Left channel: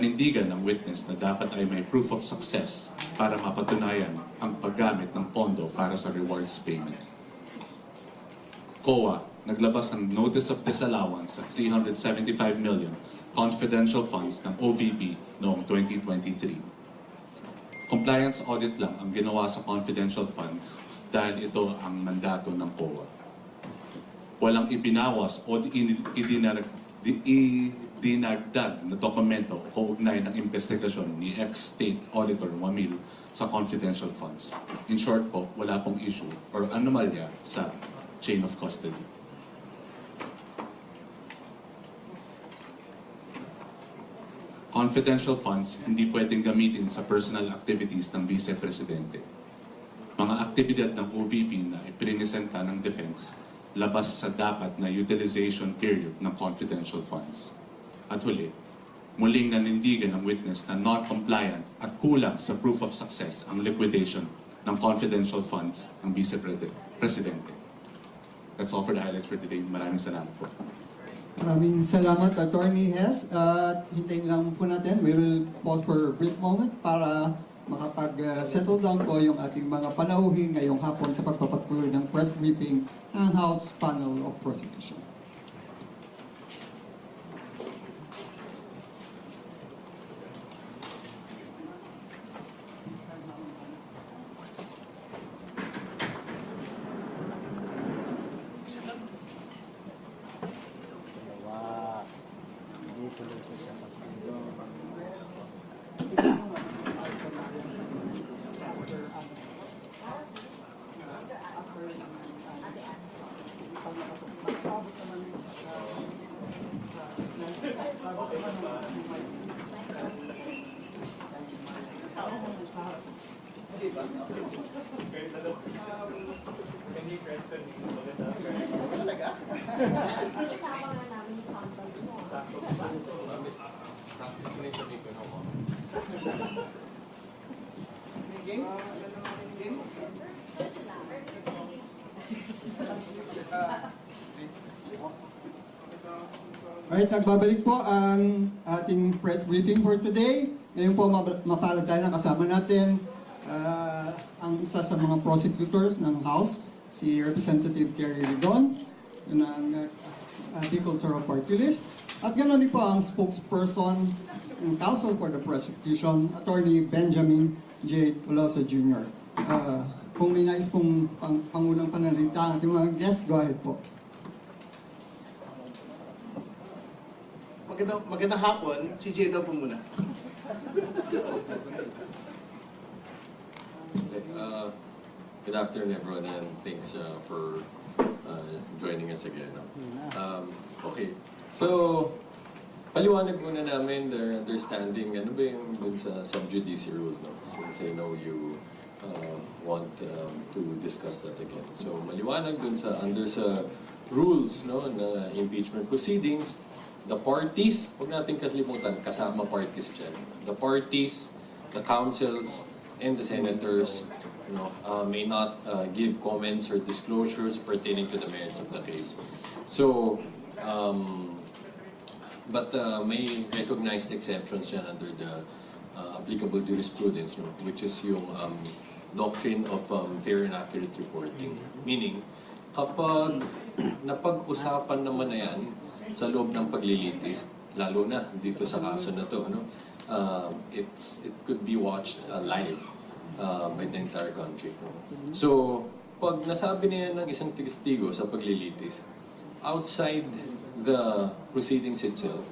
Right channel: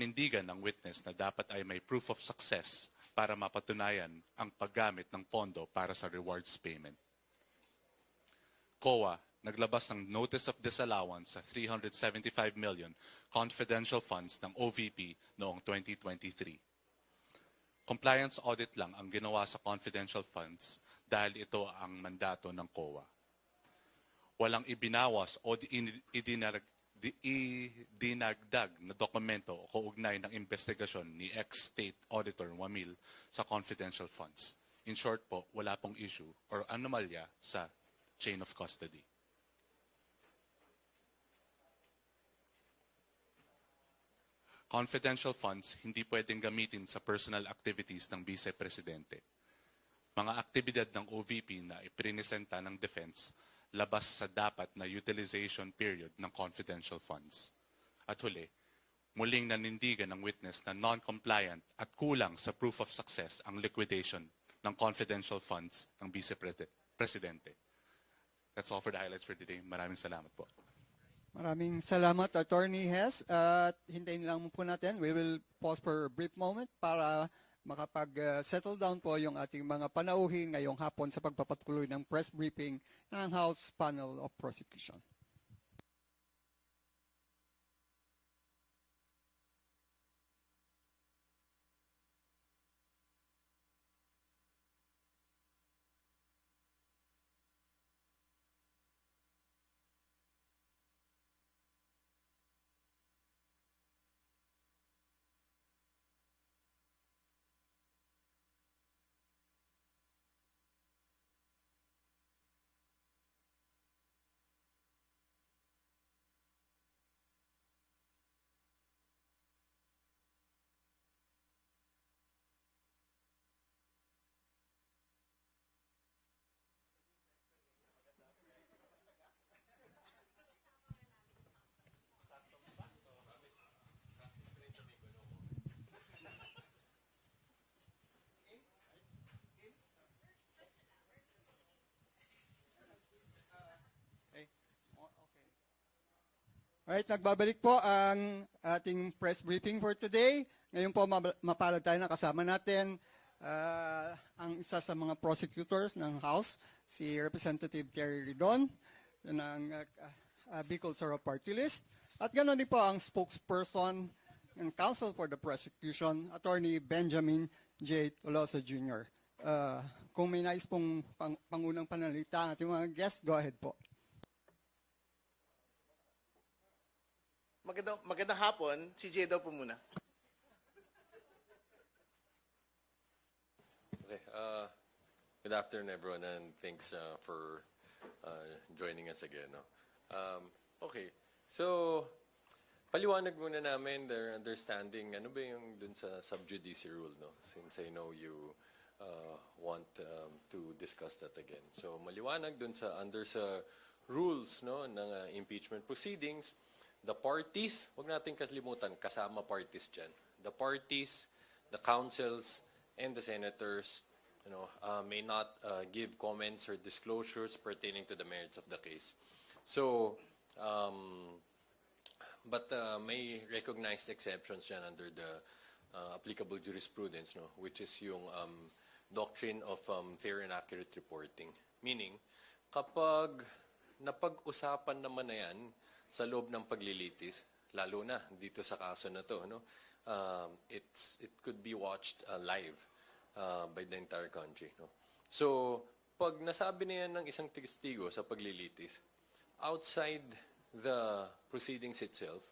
nanindigan ng witness na dapat ay may proof of success para mapatunayan ang paggamit ng pondo para sa rewards payment. COA naglabas ng Notice of Disallowance sa 375 million confidential funds ng OVP noong 2023. Compliance audit lang ang ginawa sa confidential funds dahil ito ang mandato ng COA. Walang ibinawas o dinagdag na dokumento o ugnay ng investigasyon ni ex-State Auditor Wamil sa confidential funds. In short po, wala pong issue or anomalya sa chain of custody. Confidential funds hindi pwedeng gamitin sa personal activities ng Vice Presidente. Mga aktibidad ng OVP na iprinisenta ng Defense labas sa dapat na utilization period ng confidential funds. At huli, muling nanindigan ng witness na non-compliant at kulang sa proof of success ang liquidation ng confidential funds ng Vice Presidente. That's all for the highlights for today. Maraming salamat po. Maraming salamat, Attorney Hes. At hintayin lang po natin, we will pause for a brief moment para makapag-settle down po yung ating mga panauhin ngayong hapon sa pagpapatuloy ng press briefing ng House Panel of Prosecution. Alright, nagbabalik po ang ating press briefing for today. Ngayon po mapalad tayo ng kasama natin ang isa sa mga prosecutors ng House, si Representative Terry Ridon ng People's Party List. At ganoon din po ang spokesperson ng Counsel for the Prosecution, Attorney Benjamin J. Tolosa Jr. Kung may nais pong pangunang panalita ang ating mga guests, go ahead po. Magandang hapon, si Jay daw po muna. Good afternoon everyone and thanks for joining us again. Okay, so paliwanag muna namin their understanding, ano ba yung dun sa sub-judice rule, no? Since I know you want to discuss that again. So maliwanag dun sa under sa rules, no, na impeachment proceedings. The parties, huwag natin kalimutan, kasama parties dyan. The parties, the councils, and the senators, may not give comments or disclosures pertaining to the merits of the case. So, but may recognized exceptions dyan under the applicable jurisprudence, which is yung doctrine of fair and accurate reporting. Meaning, kapag napag-usapan naman na yan, sa loob ng paglilitis, lalo na dito sa kaso na to, it could be watched live by the entire country. So, pag nasabi niya ng isang testigo sa paglilitis, outside the proceedings itself,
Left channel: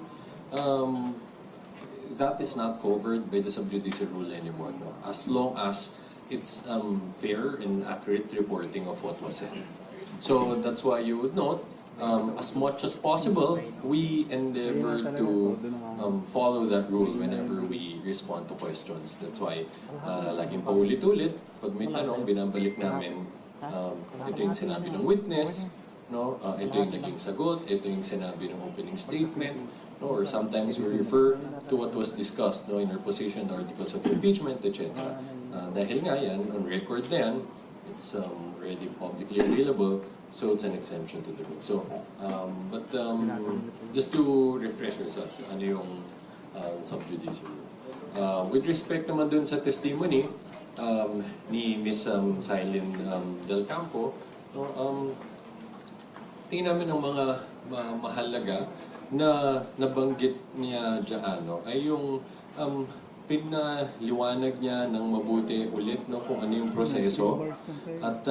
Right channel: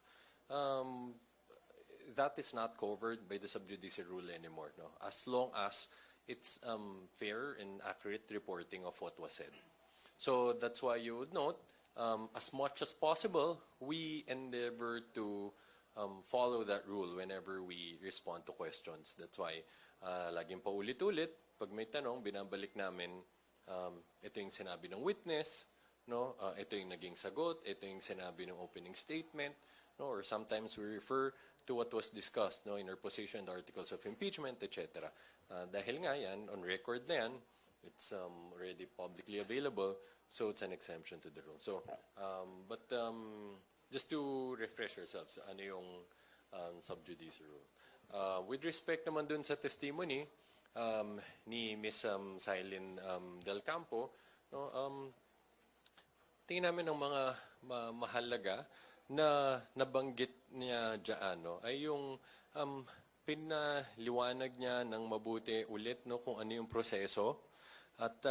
that is not covered by the sub-judice rule anymore. No? As long as it's fair and accurate reporting of what was said. So, that's why you would note, as much as possible, we endeavor to follow that rule whenever we respond to questions. That's why, laging paulit-ulit, pag may tanong, binabalik namin, ito yung sinabi ng witness, no? Ito yung naging sagot, ito yung sinabi ng opening statement, no? Or sometimes we refer to what was discussed, no, in our position, articles of impeachment, etc. Dahil nga yan, on record na yan, it's already publicly available, so it's an exemption to the rule. So, just to refresh ourselves, ano yung sub judice rule. With respect naman dun sa testimony ni Ms. Silene Del Campo, no, tingin namin ang mga mahalaga na nabanggit niya dyan, no, ay yung pinaliwanag niya ng mabuti ulit, no, kung ano yung proseso. At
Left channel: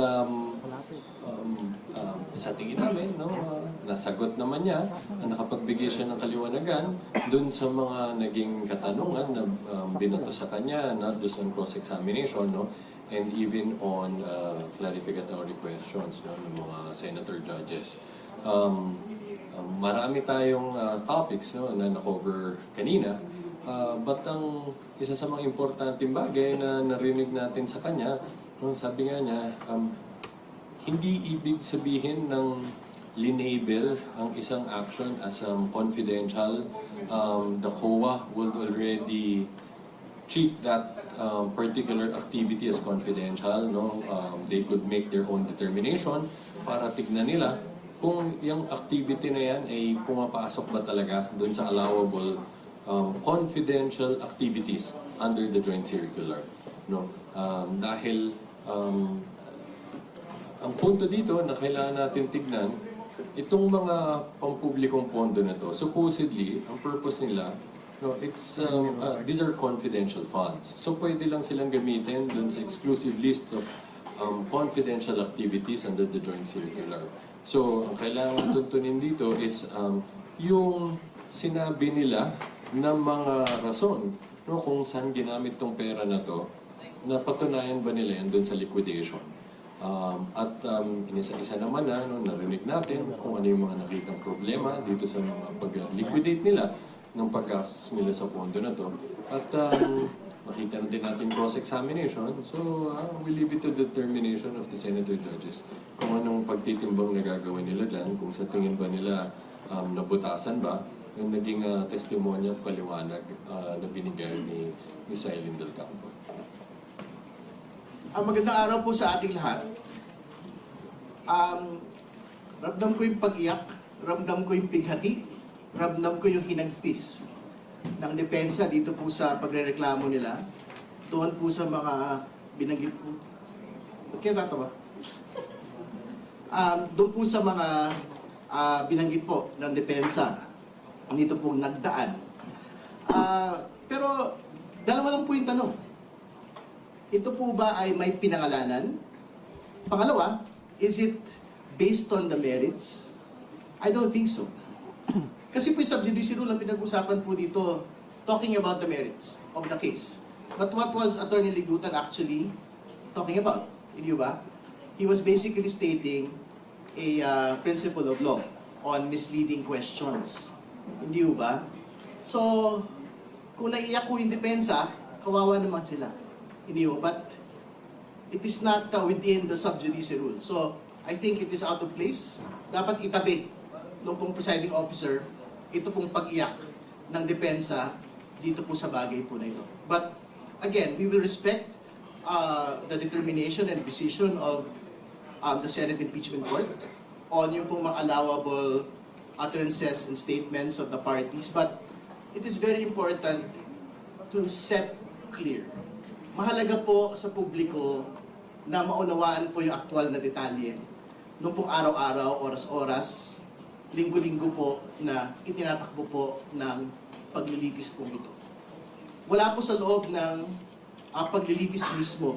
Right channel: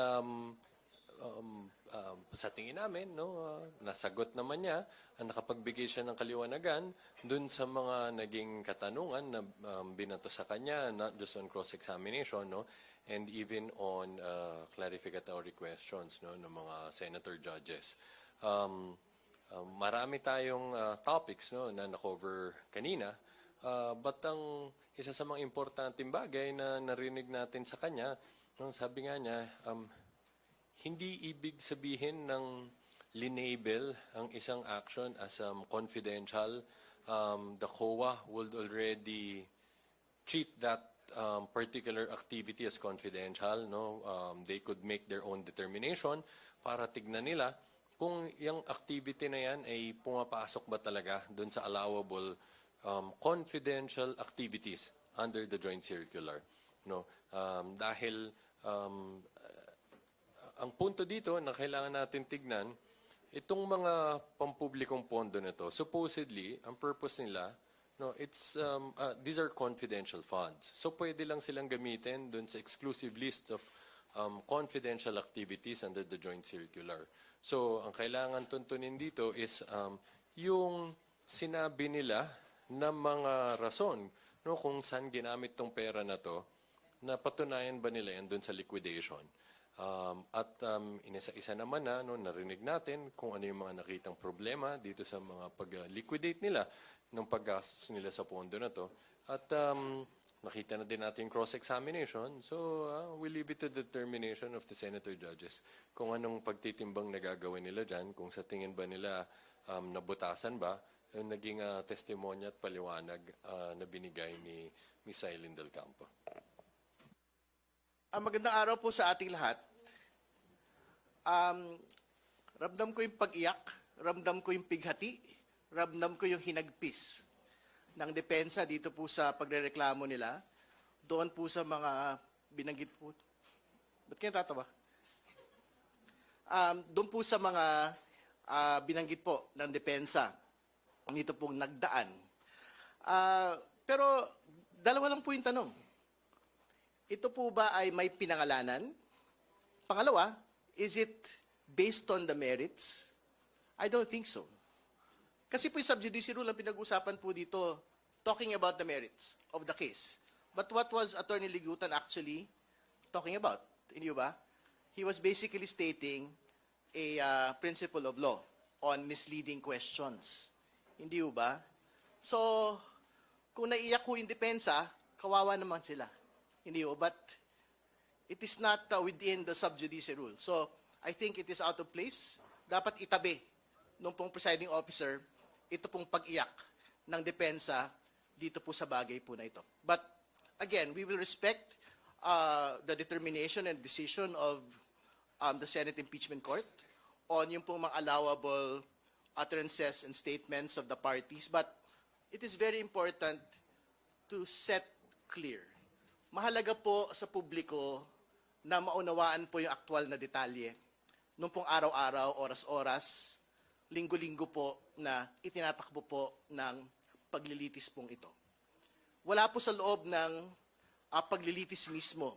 sa tingin namin, no, nasagot naman niya, nakapagbigay siya ng kaliwanagan dun sa mga naging katanungan na binato sa kanya, not just on cross-examination, no, and even on clarificatory questions, no, ng mga senator judges. Marami tayong topics, no, na na-cover kanina, but ang isa sa mga importanteng bagay na narinig natin sa kanya, no, sabi nga niya, hindi ibig sabihin ng linabel ang isang action as confidential. The COA would already treat that particular activity as confidential. No? They could make their own determination para tignan nila kung yung activity na yan ay pumapasok ba talaga dun sa allowable confidential activities under the joint circular. No? Dahil ang punto dito na kailangan natin tignan, itong mga pampublikong pondo na to, supposedly, ang purpose nila, no, these are confidential funds. So pwede lang silang gamitin dun sa exclusive list of confidential activities under the joint circular. So, ang kailangan tuntunin dito is yung sinabi nila na mga rason, no, kung saan ginamit tong pera na to, na patunayan ba nila yan dun sa liquidation. Inisa-isa naman na narinig natin kung ano yung mga nakitang problema dito sa mga pag-liquidate nila ng paggastos nila sa pondo na to. At nakita na din natin cross-examination. So, we leave it to the determination of the senator judges kung anong pagtitimbang na gagawin nila dyan, kung sa tingin ba nila nabutasan ba yung naging testimonya at paliwanag na binigay ni Silene Del Campo. Magandang araw po sa ating lahat. Ramdam ko yung pag-iyak, ramdam ko yung pighati, ramdam ko yung hinagpis ng depensa dito po sa pagrereklamo nila. Tuwan po sa mga binanggit po. Okay, tatawa. Doon po sa mga binanggit po ng depensa, dito po nagdaan. Pero dalawa lang po yung tanong. Ito po ba ay may pinangalanan? Pangalawa, is it based on the merits? I don't think so. Kasi po yung sub-judice rule ang pinag-usapan po dito, talking about the merits of the case. But what was Attorney Ligutan actually talking about? Hindi ba? He was basically stating a principle of law on misleading questions. Hindi ba? So, kung naiyak ko yung depensa, kawawa naman sila. Hindi ba? But it is not within the sub-judice rule. So, I think it is out of place. Dapat itabi ng pong presiding officer ito pong pag-iyak ng depensa dito po sa bagay po na ito. But, again, we will respect the determination and decision of the Senate Impeachment Court on yung pong mga allowable utterances and statements of the parties. But it is very important to set clear. Mahalaga po sa publiko na maunawaan po yung aktual na detalye nung pong araw-araw, oras-oras, linggo-linggo po na itinatakbo po ng paglilitis po ito. Wala po sa loob ng paglilitis mismo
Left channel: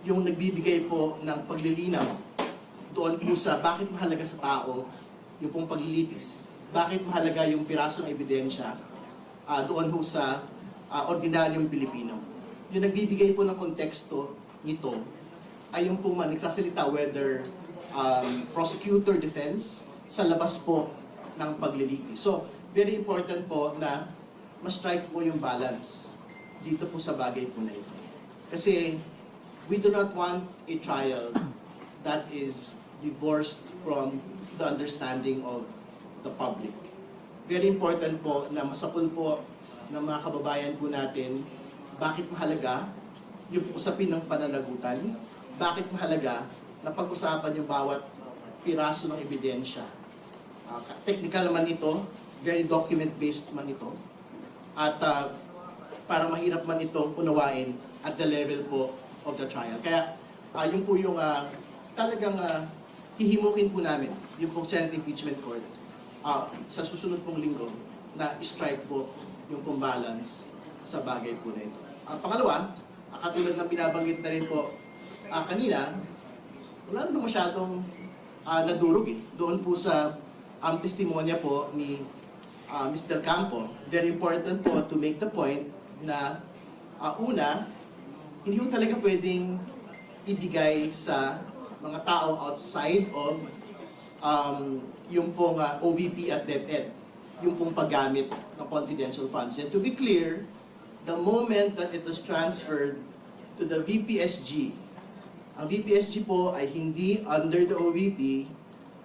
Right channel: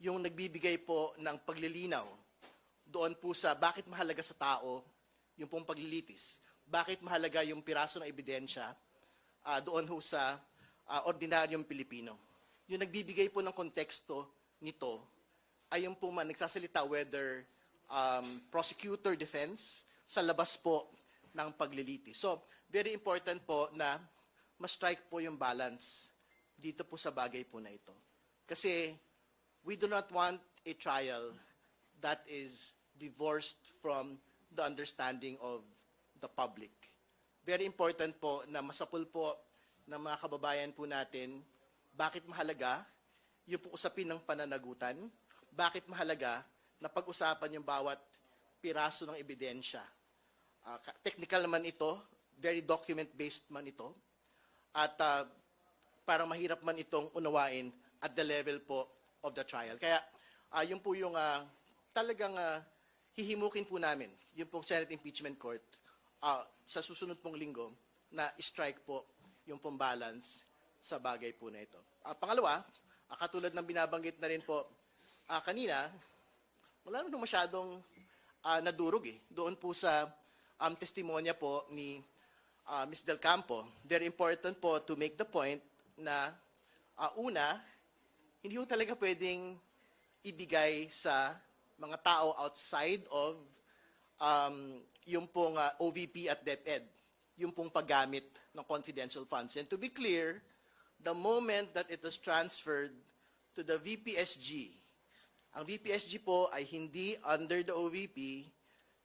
yung nagbibigay po ng paglilinaw doon po sa bakit mahalaga sa tao yung pong paglilitis. Bakit mahalaga yung pirasong ebidensya doon po sa ordinaryong Pilipino. Yung nagbibigay po ng konteksto nito ay yung po nagsasalita whether prosecutor defense sa labas po ng paglilitis. So, very important po na ma-strike po yung balance dito po sa bagay po na ito. Kasi we do not want a trial that is divorced from the understanding of the public. Very important po na masapul po ng mga kababayan po natin bakit mahalaga yung usapin ng pananagutan, bakit mahalaga na pag-usapan yung bawat piraso ng ebidensya. Technical naman ito, very document-based man ito. at para mahirap man itong unawain at the level po of the trial. Kaya yun po yung talagang hihimukin po namin, yung pong Senate Impeachment Court sa susunod pong linggo na strike po yung pong balance sa bagay po na ito. Pangalawa, katulad ng binabanggit na rin po kanina, wala naman masyadong nadurog doon po sa testimonya po ni Mr. Campo. Very important po to make the point na una, hindi po talaga pwedeng ibigay sa mga tao outside of yung pong OVP at DepEd, yung pong paggamit ng confidential funds. And to be clear, the moment that it was transferred to the VPSG, ang VPSG po ay hindi under the OVP,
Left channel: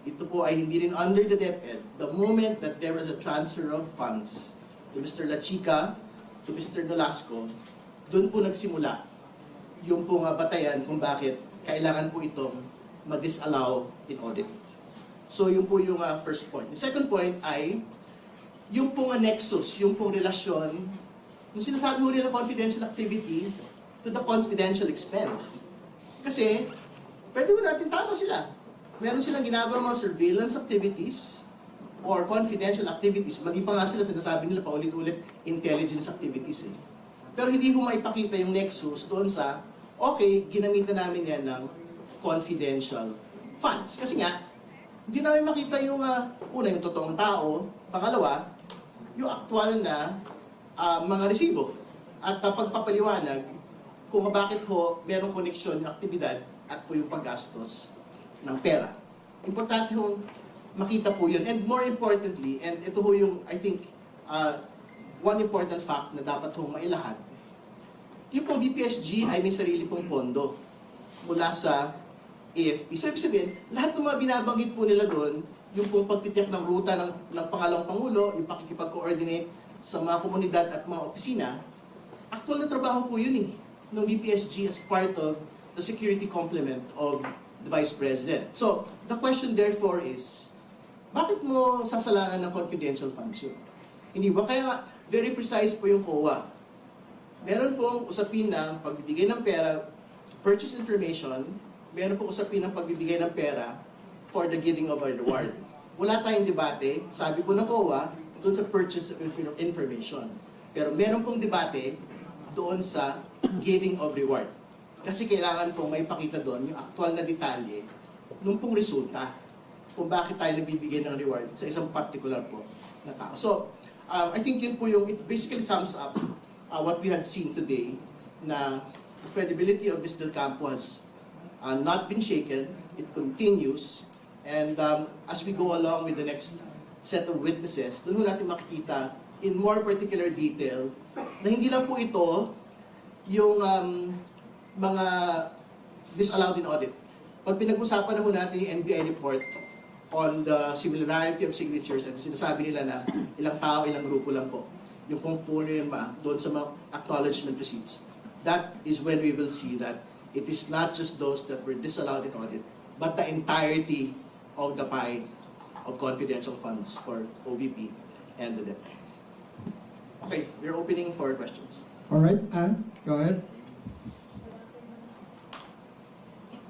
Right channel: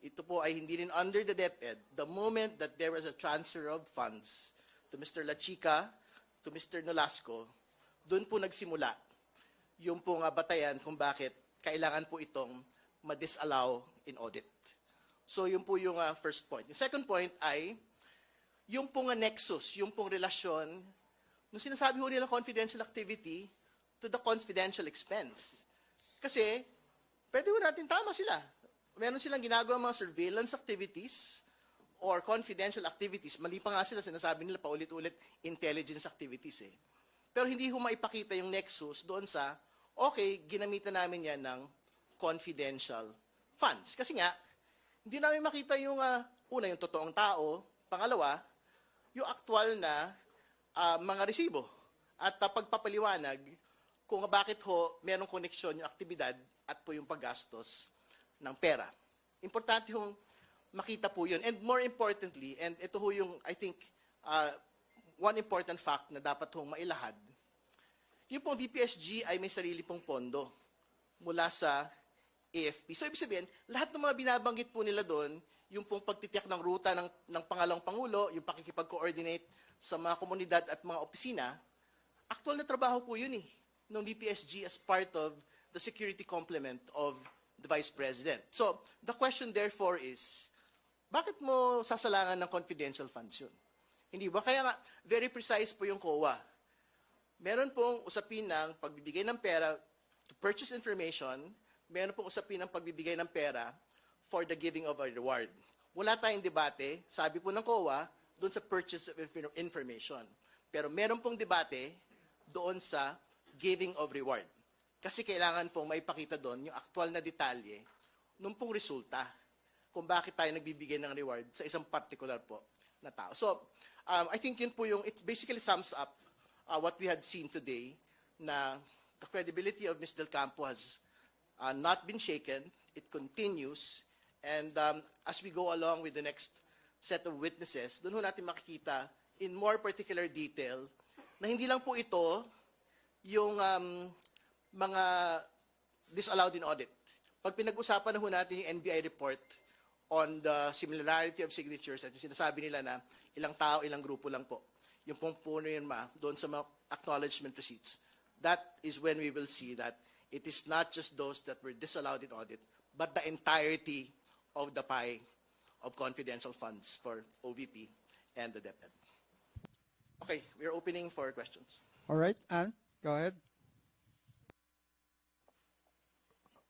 ito po ay hindi rin under the DepEd. The moment that there was a transfer of funds to Mr. Lachica, to Mr. Nolasco, doon po nagsimula yung pong batayan kung bakit kailangan po itong ma-disallow in audit. So yun po yung first point. The second point ay yung pong nexus, yung pong relasyon, yung sinasabi mo nila confidential activity to the confidential expense. Kasi, pwede mo natin tama sila. Meron silang ginagawa mga surveillance activities or confidential activities. Mali pa nga sila, sinasabi nila paulit-ulit, intelligence activities. Pero hindi mo maipakita yung nexus doon sa, okay, ginamitan namin yan ng confidential funds. Kasi nga, hindi namin makita yung, una, yung totoong tao. Pangalawa, yung aktual na mga resibo. At pagpapaliwanag kung bakit ho merong koneksyon yung aktibidad at po yung paggastos ng pera. Importante hong makita po yun. And more importantly, and ito ho yung, I think, one important fact na dapat hong mailahat, yung pong VPSG ay may sarili pong pondo mula sa AFP. So, ibig sabihin, lahat ng mga binabanggit po nila doon, yung pong pagtitiyak ng ruta ng pangalawang Pangulo, yung pakikipag-coordinate sa mga komunidad at mga opisina, actual na trabaho po yun ng VPSG as part of the security complement of the Vice President. So, the question therefore is, bakit mo sasalangan ng confidential funds yun? Hindi ba? Kaya nga, very precise po yung COA. Meron pong usapin ng pagbibigay ng pera, purchase information, meron pong usapin ng pagbibigay ng pera for the giving of a reward. Wala tayong debate, sabi po ng COA, doon sa purchase of information. Pero meron pong debate doon sa giving of reward. Kasi kailangan pong may pakita doon yung aktual na detalye nung pong resulta kung bakit tayo nabibigyan ng reward sa isang particular po na tao. So, I think yun po yung, it basically sums up what we had seen today, na the credibility of Mr. Campo has not been shaken, it continues, and as we go along with the next set of witnesses, doon natin makikita in more particular detail na hindi lang po ito yung mga disallowed in audit. Pag pinag-usapan na po natin yung NBI report on the similarity of signatures, and sinasabi nila na ilang tao, ilang grupo lang po, yung pong purema doon sa mga acknowledgement receipts, that is when we will see that it is not just those that were disallowed in audit, but the entirety of the pie of confidential funds for OVP and the DepEd. Okay, we're opening for questions. All right, Anne, go ahead.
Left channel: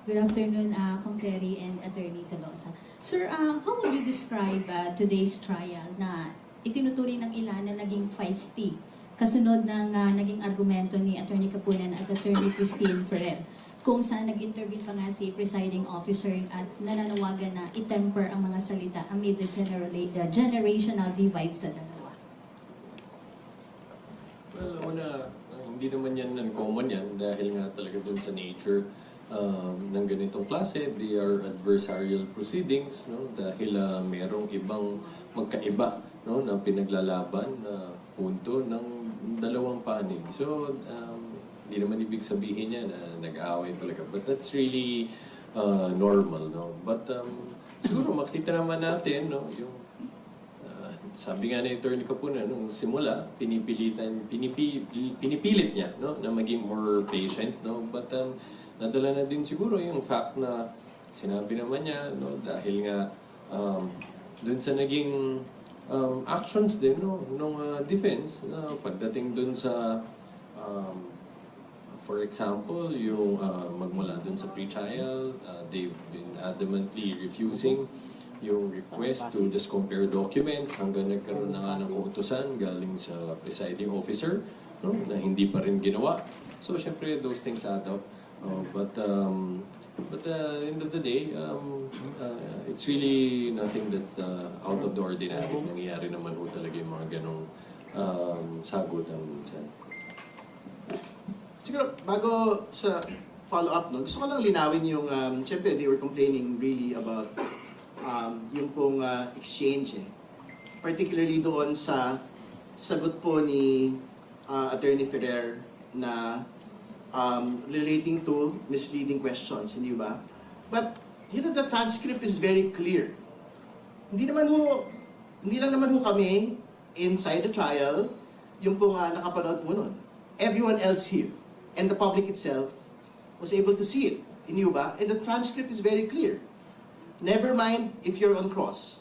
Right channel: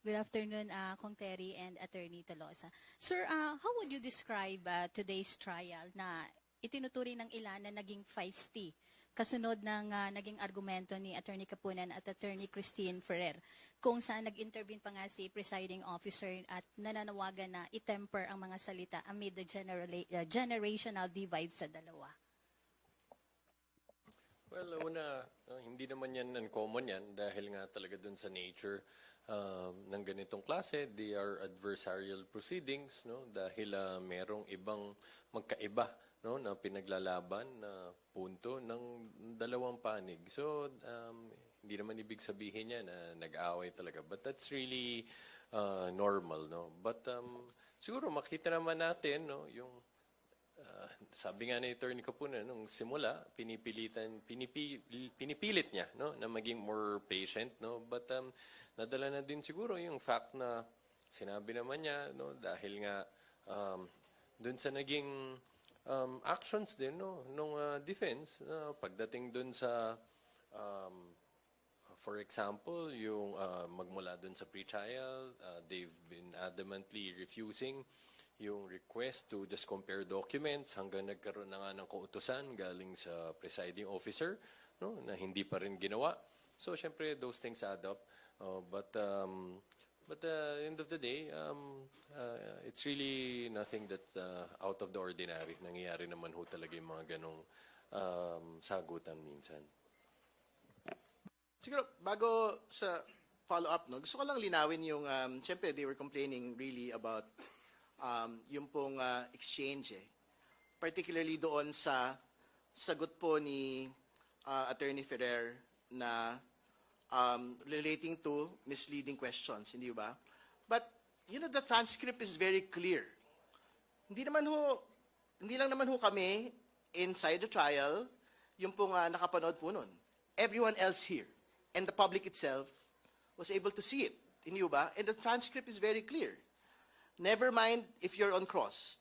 Good afternoon, Kong Terry and Attorney Tolosa. Sir, how would you describe today's trial na itinuturing ng ilan na naging feisty kasunod ng naging argumento ni Attorney Kapuyan at Attorney Christine Ferrer, kung saan nag-intervene pa nga si presiding officer at nananawagan na itemper ang mga salita amid the generational divide sa dalawa? Well, una, hindi naman yan uncommon yan dahil nga talaga dun sa nature ng ganitong klase. They are adversarial proceedings, no? Dahil merong ibang magkaiba, no, na pinaglalaban na punto ng dalawang panig. So, hindi naman ibig sabihin niya na nag-aaway talaga. But that's really normal, no? But siguro makita naman natin, no, yung sabi nga ni Attorney Capuna, nung simula, pinipilit niya, no, na maging more patient, no? But nadala na din siguro yung fact na sinabi naman niya, no, dahil nga dun sa naging actions din nung defense na pagdating dun sa for example, yung magmula dun sa pre-trial, they've been adamantly refusing yung request to just compare documents hanggang nagkaroon na nga ng kautusan galing sa presiding officer, no, na hindi pa rin ginawa. So, syempre, those things add up. But end of the day, it's really nothing that's out of the ordinary. Nangyayari naman ho talaga yung mga ganong sagutan minsan. Siguro, bago sa follow-up nun, gusto ko lang linawin yung, siyempre, they were complaining really about yung pong exchange eh. Particularly doon sa sagot po ni Attorney Ferrer na relating to misleading questions, hindi ba? But, the transcript is very clear. Hindi lang naman ho kami inside the trial, yung pong nakapanood po nun. Everyone else here, and the public itself, was able to see it. Hindi ba? And the transcript is very clear. Never mind if you're on cross.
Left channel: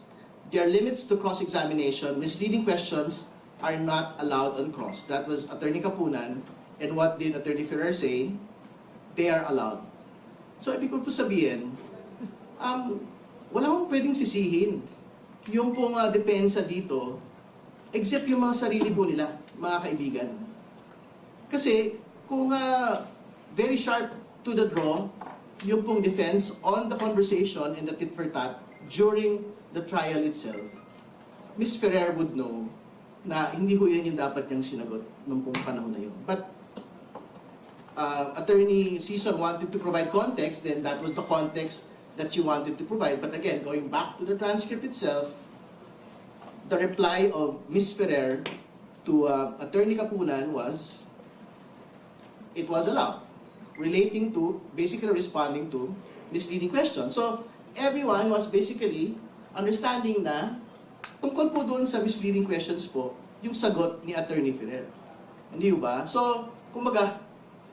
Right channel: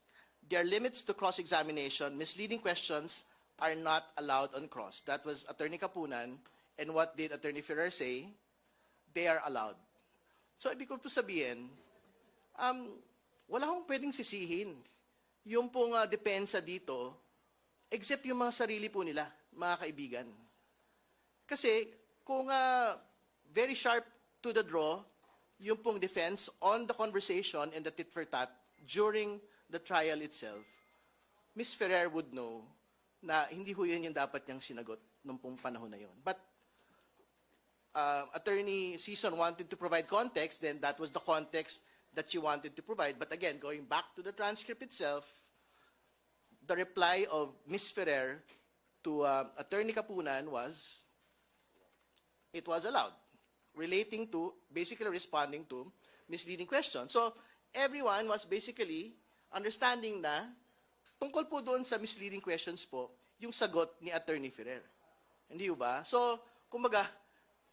There are limits to cross-examination. Misleading questions are not allowed on cross. That was Attorney Kapunan. And what did Attorney Ferrer say? They are allowed. So, ibig ko po sabihin, wala akong pwedeng sisihin. Yung pong depensa dito, except yung mga sarili po nila, mga kaibigan. Kasi, kung very sharp to the draw, yung pong defense on the conversation and the tit for tat during the trial itself, Ms. Ferrer would know na hindi ho yan yung dapat niyang sinagot nung pong panahon na yun. But Attorney Sison wanted to provide context, then that was the context that she wanted to provide. But again, going back to the transcript itself, the reply of Ms. Ferrer to Attorney Kapunan was, it was allowed, relating to, basically responding to misleading questions. So, everyone was basically understanding na tungkol po doon sa misleading questions po, yung sagot ni Attorney Ferrer. Hindi ba? So, kumbaga,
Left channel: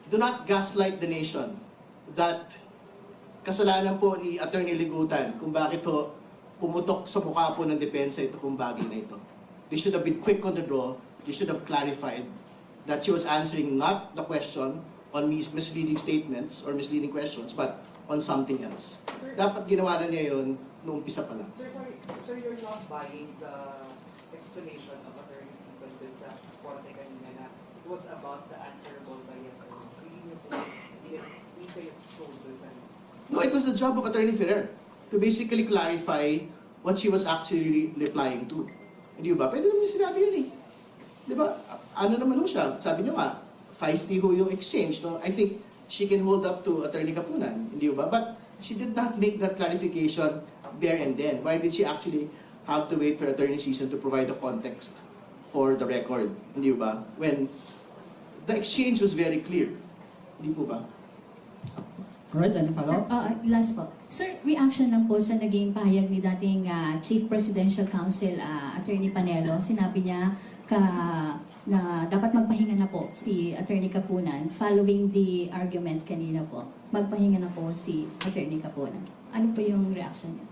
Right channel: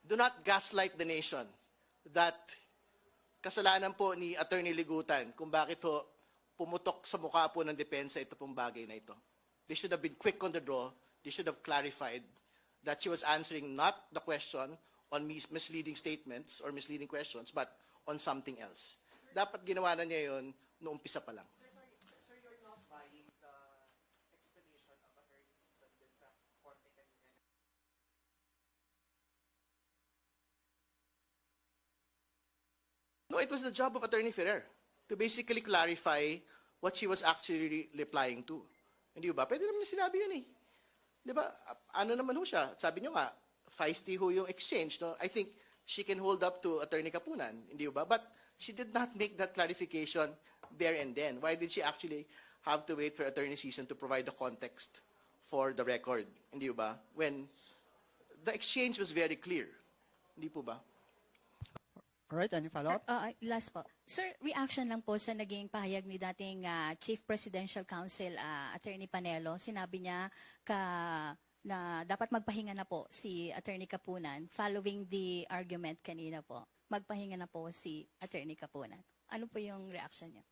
do not gaslight the nation that kasalanan po ni Attorney Ligutan kung bakit ho pumutok sa mukha po ng depensa ito kung bagay na ito. They should have been quick on the draw. They should have clarified that she was answering not the question on misleading statements or misleading questions, but on something else. Dapat ginawa na niya yun noong umpisa pa lang. Sir, you're not buying the explanation of Attorney Sison dun sa korte kanina na it was about the answerable by yes or no. Hindi kayo sold dun sa... No, it was the job of Attorney Ferrer to basically clarify what she was actually replying to. Hindi ba? Pwede naman sinabi yun eh. Di ba? Ano naman ho siya? Sabi niyo nga, feisty ho yung exchange. No? I think she can hold up to Attorney Kapunan. Hindi ba? But she did not make that clarification there and then. Why did she actually have to wait for Attorney Sison to provide the context for the record? Hindi ba? When the exchange was very clear. Hindi po ba? Alright, any follow-up? Last po. Sir, reaction lang po sa naging pahayag ni dating Chief Presidential Counsel Attorney Panelo. Sinabi niya na dapat magpahinga na po si Attorney Kapunan following the argument kanina po. Magpahinga na po si Attorney Kapunan. Ano po yung reaction niya?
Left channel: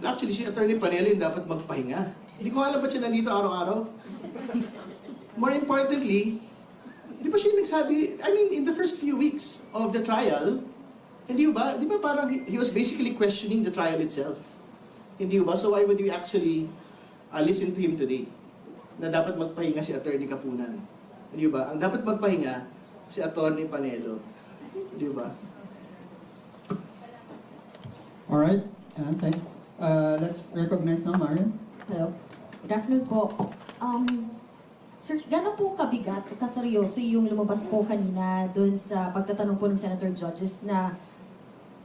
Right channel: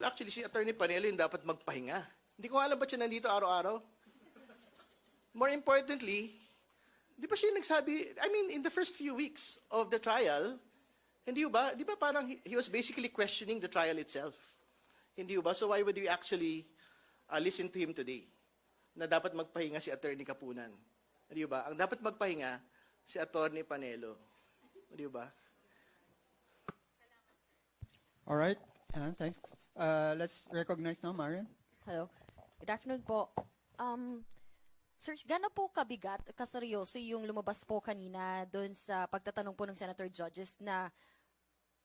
Actually, si Attorney Panelo yung dapat magpahinga. Hindi ko alam ba't siya nandito araw-araw. More importantly, di ba siya nagsabi, I mean, in the first few weeks of the trial, hindi ba parang he was basically questioning the trial itself. Hindi ba? So why would you actually listen to him today? Na dapat magpahinga si Attorney Kapunan. Hindi ba? Ang dapat magpahinga si Attorney Panelo. Hindi ba? Alright, thanks. Let's recognize now, Marian. Hello. Good afternoon po. Sir, gano'n po kabigat, kaseryoso yung lumabas po kanina doon sa pagtatanong po ng Senator Judges na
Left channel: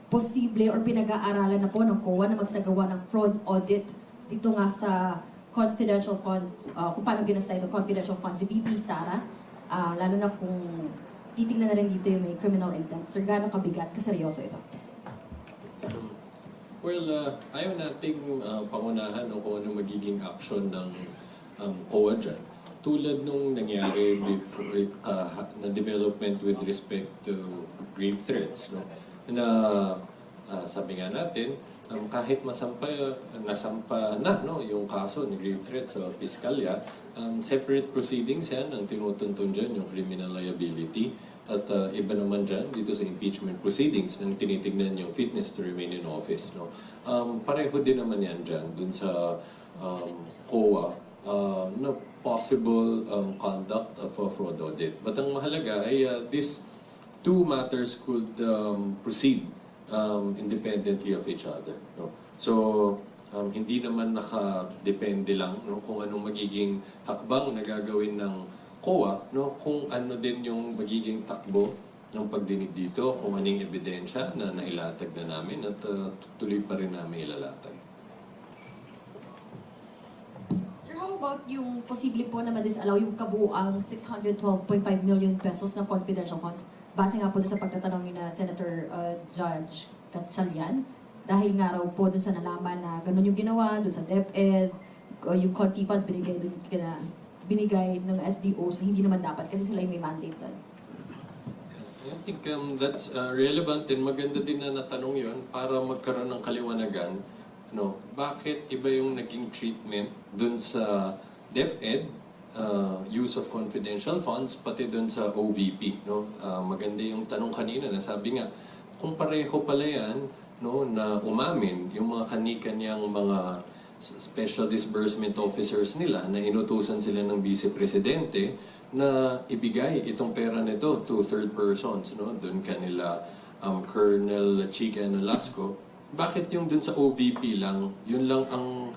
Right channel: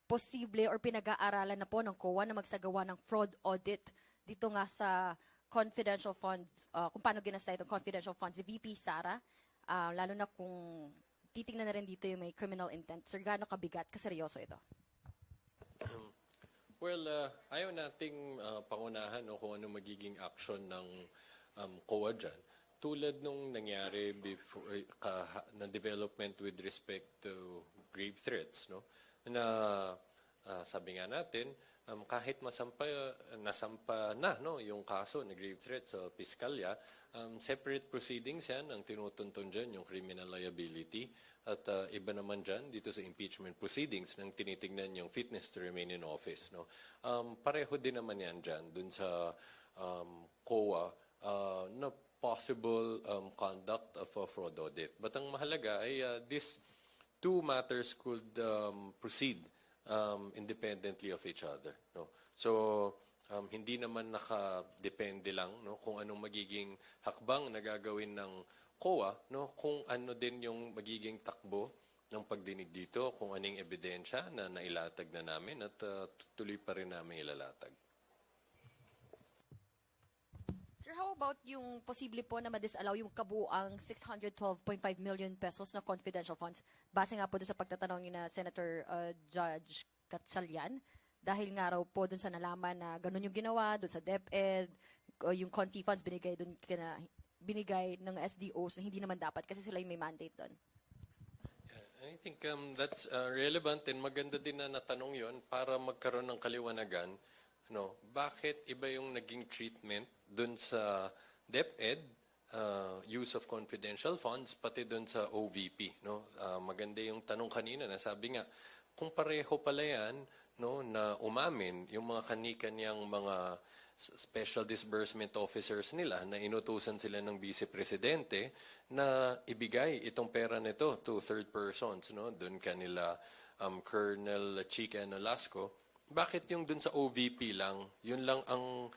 posible or pinag-aaralan na po ng COA na magsagawa ng fraud audit dito nga sa confidential fund, kung paano ginasta ito, confidential fund si VP Sara, lalo na kung titignan na rin dito yung may criminal intent. Sir, gano'n kabigat, kaseryoso ito? Well, ayaw nating pangunahan kung ano magiging action ng COA dyan. Tulad nung nangyari before, na development with respect to grave threats. No? Na sabi nga natin, kahit nasampa na no, yung kaso ni grave threat sa piskalya, separate proceedings yan ang tinutuntun dyan, yung criminal liability. At iba naman dyan, dito sa impeachment proceedings, nang tinitignan yung fitness to remain in office. No? Pareho din naman yan dyan, dun sa COA, na possible conduct of a fraud audit. But ang mahalaga ay these two matters could proceed independently of each other. No? So, hindi naman nakadepende lang no, kung anong magiging hakbang na gagawin ng COA, no, kung ano din yung magiging takbo ng pagdinig dito, kung anong ebidensya na nailatag na namin at tuloy pa rin namin ilalatag. Sir, how about yung posible po na ma-disallow yung kabuang 612.5 million pesos na confidential funds? Base nga po doon sa pagtatanong ni na Senator Judge Gatchalian, dahil nga raw po doon sa nalaman na ganun yung ginawa, doon sa DepEd, yung conti funds binigay ng SDOs na hindi naman dapat kasi sila yung may mandate doon. I think that's relevant and maganda din na natanong yun para magkaroon ng kaliwanagan. No, bakit iba yung naging treatment dun sa DepEd, use of confidential funds, pati dun sa OVP. No? Maganda yung tanong kanina na sabi nga, kung pareho pala yan, no, na umamin yung mga kani-kanyang mga special disbursement officers nila na inutusan sila ng Vice Presidente na ibigay itong pera nito to third persons, no? Doon kanila Colonel Chica Nolasco. Bakit yung dun sa OVP lang, yun lang ang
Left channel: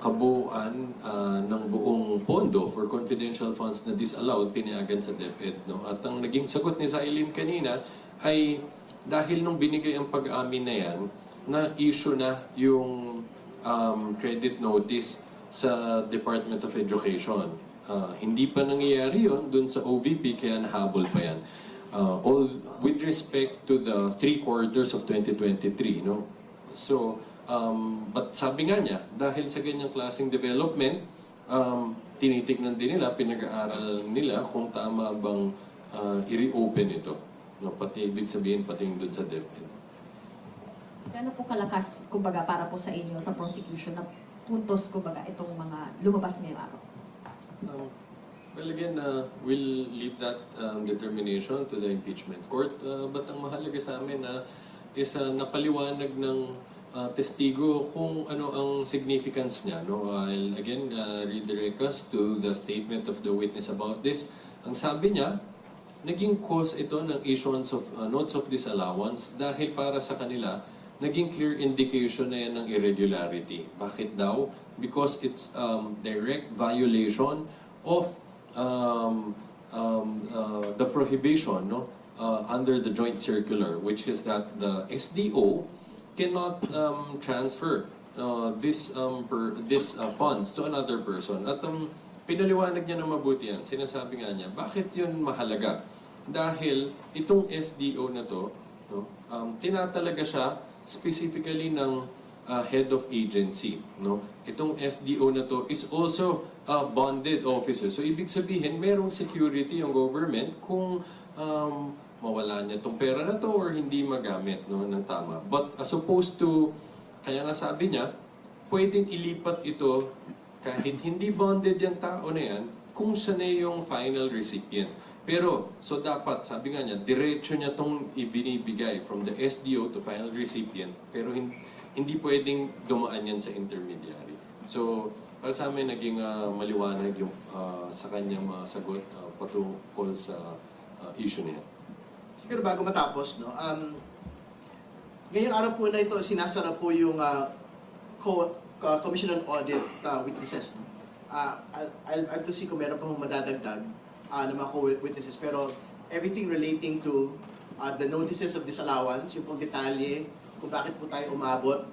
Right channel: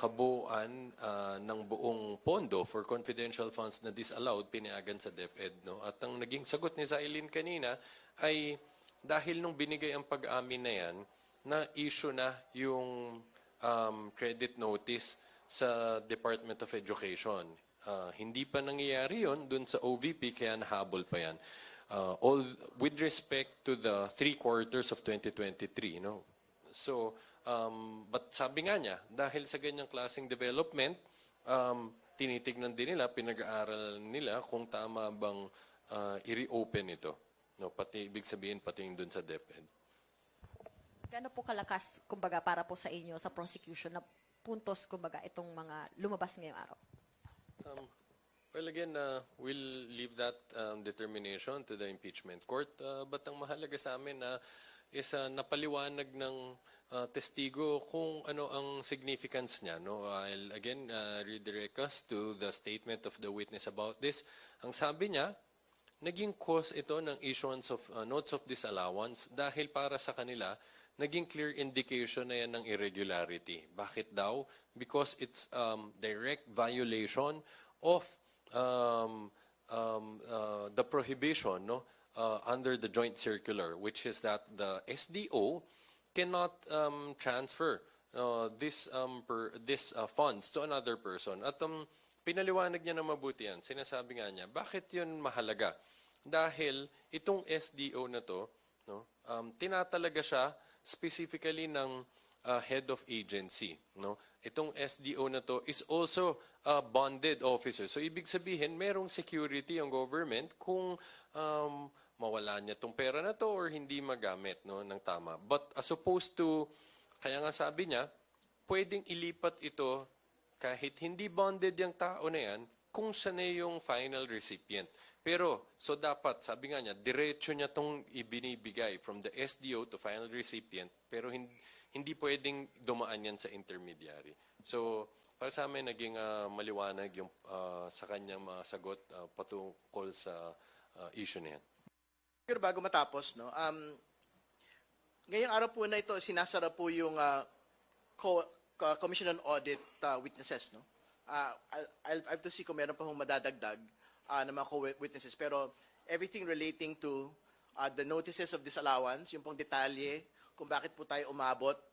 kabuuan ng buong pondo for confidential funds na disallowed, pinayagan sa DepEd, no? At ang naging sagot ni Zailin kanina ay dahil nung binigay ang pag-amin na yan, na-issue na yung credit notice sa Department of Education. Hindi pa nangyayari yun dun sa OVP, kaya nahabol pa yan. All with respect to the 3 quarters of 2023, no? So, but sabi nga niya, dahil sa ganyang klaseng development, tinitignan din nila, pinag-aaral nila kung tama bang i-reopen ito. No? Pati ibig sabihin, pati yung dun sa DepEd. Gano'n po kalakas, kumbaga, para po sa inyo sa prosecution na puntos, kumbaga, itong mga lumabas ngayong araw? Well, again, we'll leave that determination to the impeachment court. But ang mahalaga sa amin is napaliwanag ng testigo kung ano ang significance niya. No? I'll again redirect us to the statement of the witness about this. Ang sabi niya, naging cause ito ng issuance of notes of disallowance dahil para sa kanila, naging clear indication na yan ng irregularity. Bakit daw? Because it's direct violation of the prohibition, no, under the joint circular, which is that the SDO cannot transfer this funds to another person. At pinaliwanag niya na mabuti yan. Sinasabi nga niya, bakit yun mahalaga? Dahil itong SDO na to, no, tinatalaga siya specifically ng head of agency. No? Itong SDO na to is also a bonded officer. So ibig sabihin, merong security ang government kung mawala niya itong pera na to or hindi magamit, no, ng tama. But as opposed to, kaya nga sabi niya, pwedeng ilipat ito kahit hindi bonded yung tao na yan kung siya na yung final recipient. Pero, so dapat, sabi nga niya, diretso niya itong ibinibigay from the SDO to final recipient, pero hindi pwedeng dumaan yan sa intermediary. So, para sa amin, naging maliwanag yung sa kanyang mga sagot patungkol sa issue niya. Siguro bago matapos, no, ngayong araw po na ito, sinasara po yung Commission on Audit witnesses. No? I'll have to see kung meron pa hong madadagdag ng mga co-witnesses. Pero everything relating to the notices of disallowance, yung pong detalye kung bakit po tayo umabot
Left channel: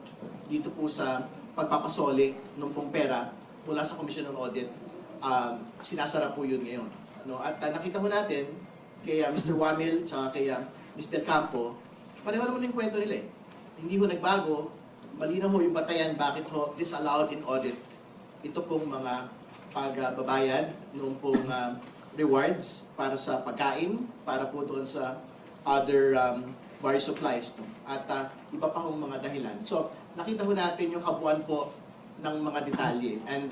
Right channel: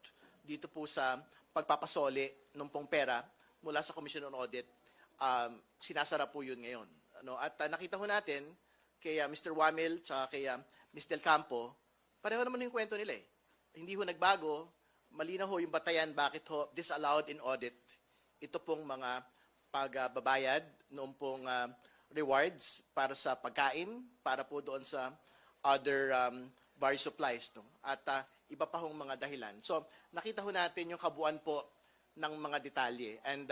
dito po sa pagpapasoli ng pong pera mula sa Commission on Audit, sinasara po yun ngayon. Ano? At nakita mo natin kay Mr. Wamil at kay Ms. Del Campo, pareho naman yung kwento nila eh. Hindi mo nagbago, malinaw ho yung batayan bakit ho disallowed in audit. Ito pong mga pagbabayad noong pong rewards para sa pagkain, para po doon sa other bar supplies. No? At iba pa hong mga dahilan. So, nakita ho natin yung kabuuan po ng mga detalye. And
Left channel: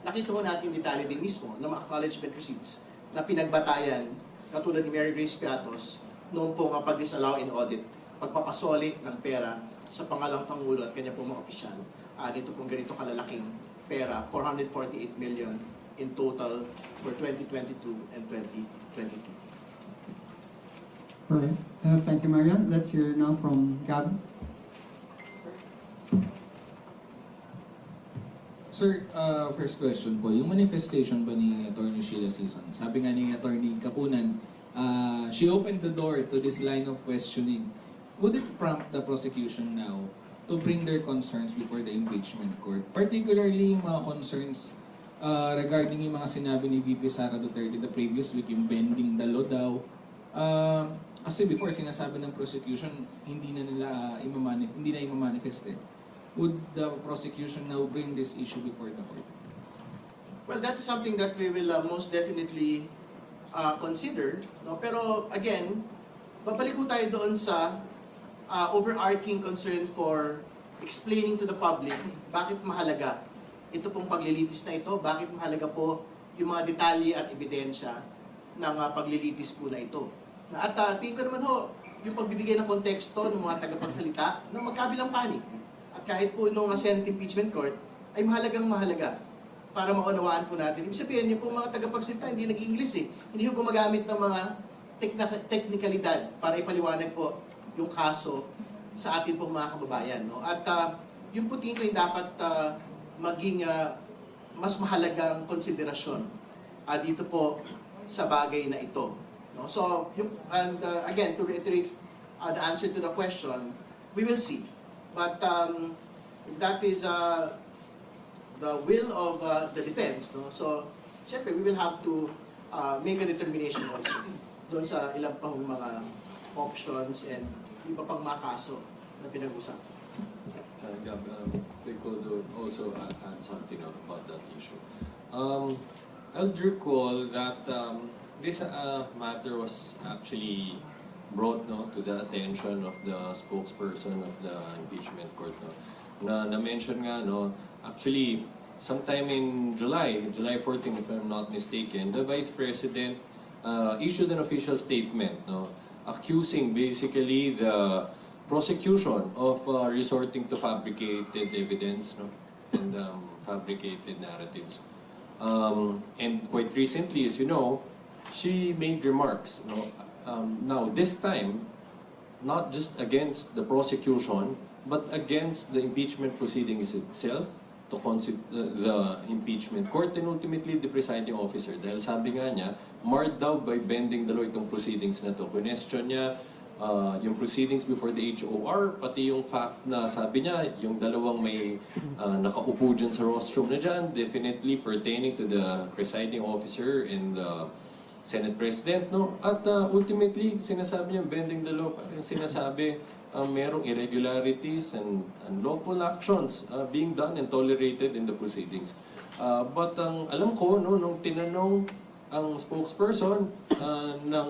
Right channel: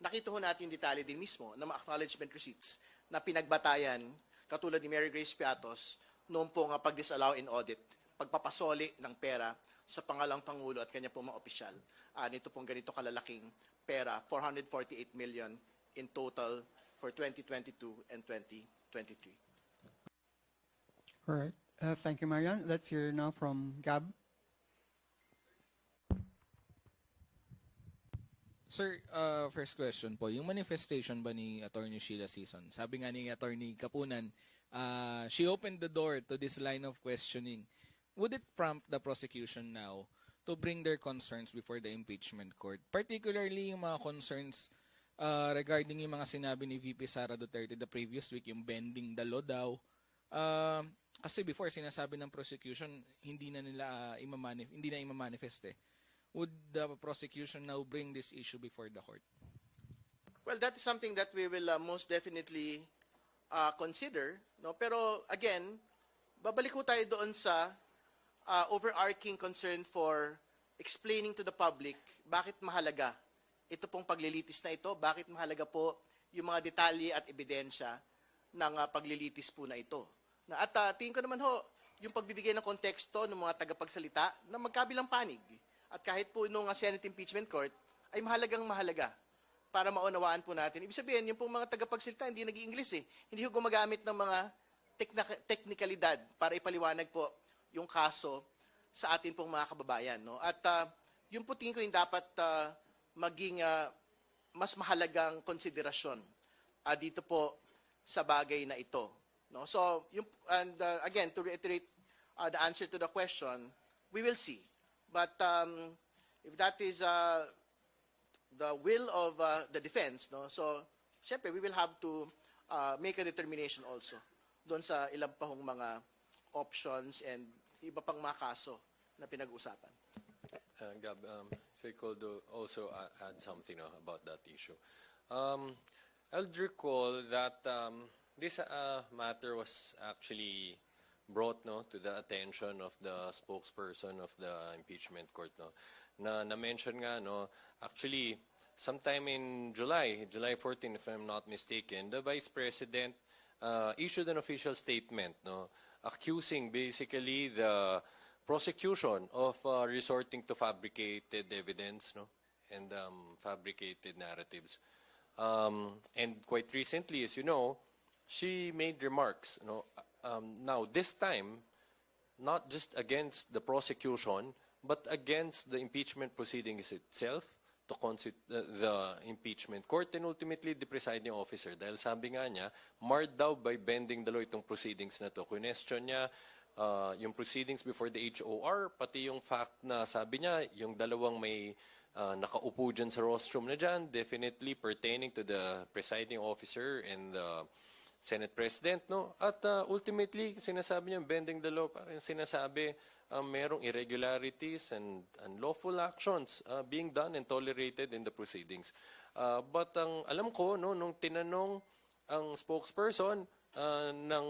nakita ho natin yung detalye din mismo ng mga acknowledgement receipts na pinagbatayan katulad ni Mary Grace Piatos noong po nga pag-disallow in audit, pagpapasoli ng pera sa pangalang Pangulo at kanya pong mga opisyal. Dito pong ganito kalalaking pera, 448 million in total for 2022 and 2023. Alright, thank you, Marian. Let's hear now from Gab. Sir, first question po, yung manifestation ba ni Attorney Sheila Sison? Sabi nga ni Attorney Kapunan, she opened the door to this line of questioning. Would it prompt the prosecution now to bring their concerns before the impeachment court? Particularly yung mga concerns regarding yung mga sinabi ni VP Sara Duterte the previous week, yung bending the law daw. Kasi before sinasabi ng prosecution, hindi na i-manifest eh. Would the prosecution now bring this issue before the court? Well, that's something that we will most definitely consider. No? Pero again, babalik ko tayo doon sa overarching concern for explaining to the public bakit mahalaga ito pong paglilitis na ito, bakit mahalaga po yung mga detalye at ebidensya ng paglilitis po na ito. At tingin ko naman ho, yung pagbibigay ng konteksto ng mga tagapagsalita na magkabilang panig. At kahit po nung Senate Impeachment Court, ay mahalagang mahalaga para maunawaan po natin. Ibig sabihin, yung po mga tagapagsalita, hindi nag-English eh. Hindi ko gumagamit ng mga teknikalidad para ipaliwanag po yung kaso sa atin pong mga kababayan. No? At yung po tingin ko yung dapat maging mas mahalagang konsiderasyon dito po sa bagay na ito. No? So, again, to reiterate the answer to the question, we will see. But if that is the will of the defense, no? So, syempre, we will have to make a determination also doon sa ilang pang mga options and iba pang mga kaso na pinag-usapan. Gab, I could also add something about that issue. I'll recall that this matter was actually brought to the attention of the spokesperson of the impeachment court. Na-mention nga, actually, sometime in July 14, if I'm not mistaken, the Vice President issued an official statement accusing basically the prosecution of resorting to fabricated evidence and fabricated narratives. And quite recently, as you know, she made remarks. Now, this time, not just against the prosecution, but against the impeachment proceedings itself, the impeachment court, and ultimately the presiding officer. Dahil sabi nga niya, marred daw by bending the law itong proceedings na to. Question niya, yung proceedings before the HOR, pati yung fact na sabi niya, yung dalawang may nakaupo dyan sa rostrum na dyan, definitely pertaining to the presiding officer and the Senate President, At ultimately, sinasabi niya, bending the law, sinasabi, merong irregularities and lawful actions being done and tolerated in the proceedings. But alam ko, nung tinanong ang spokesperson ng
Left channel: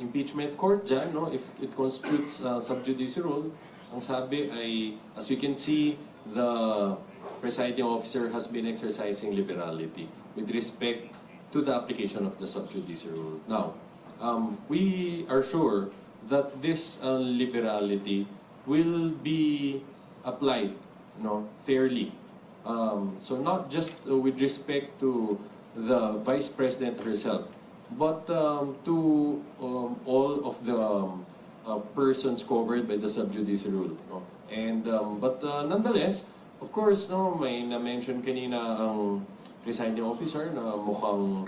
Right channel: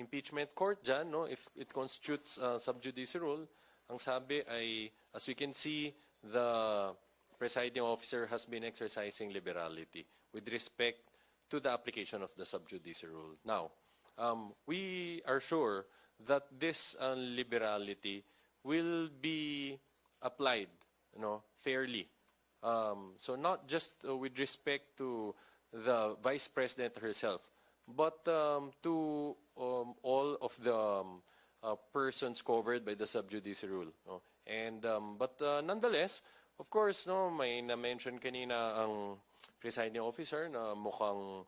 impeachment court dyan, if it constitutes sub-judice rule, ang sabi ay, as we can see, the presiding officer has been exercising liberality with respect to the application of the sub-judice rule. Now, we are sure that this liberality will be applied fairly. So not just with respect to the Vice President herself, but to all of the persons covered by the sub-judice rule. And but nonetheless, of course, may na-mention kanina ang presiding officer na mukhang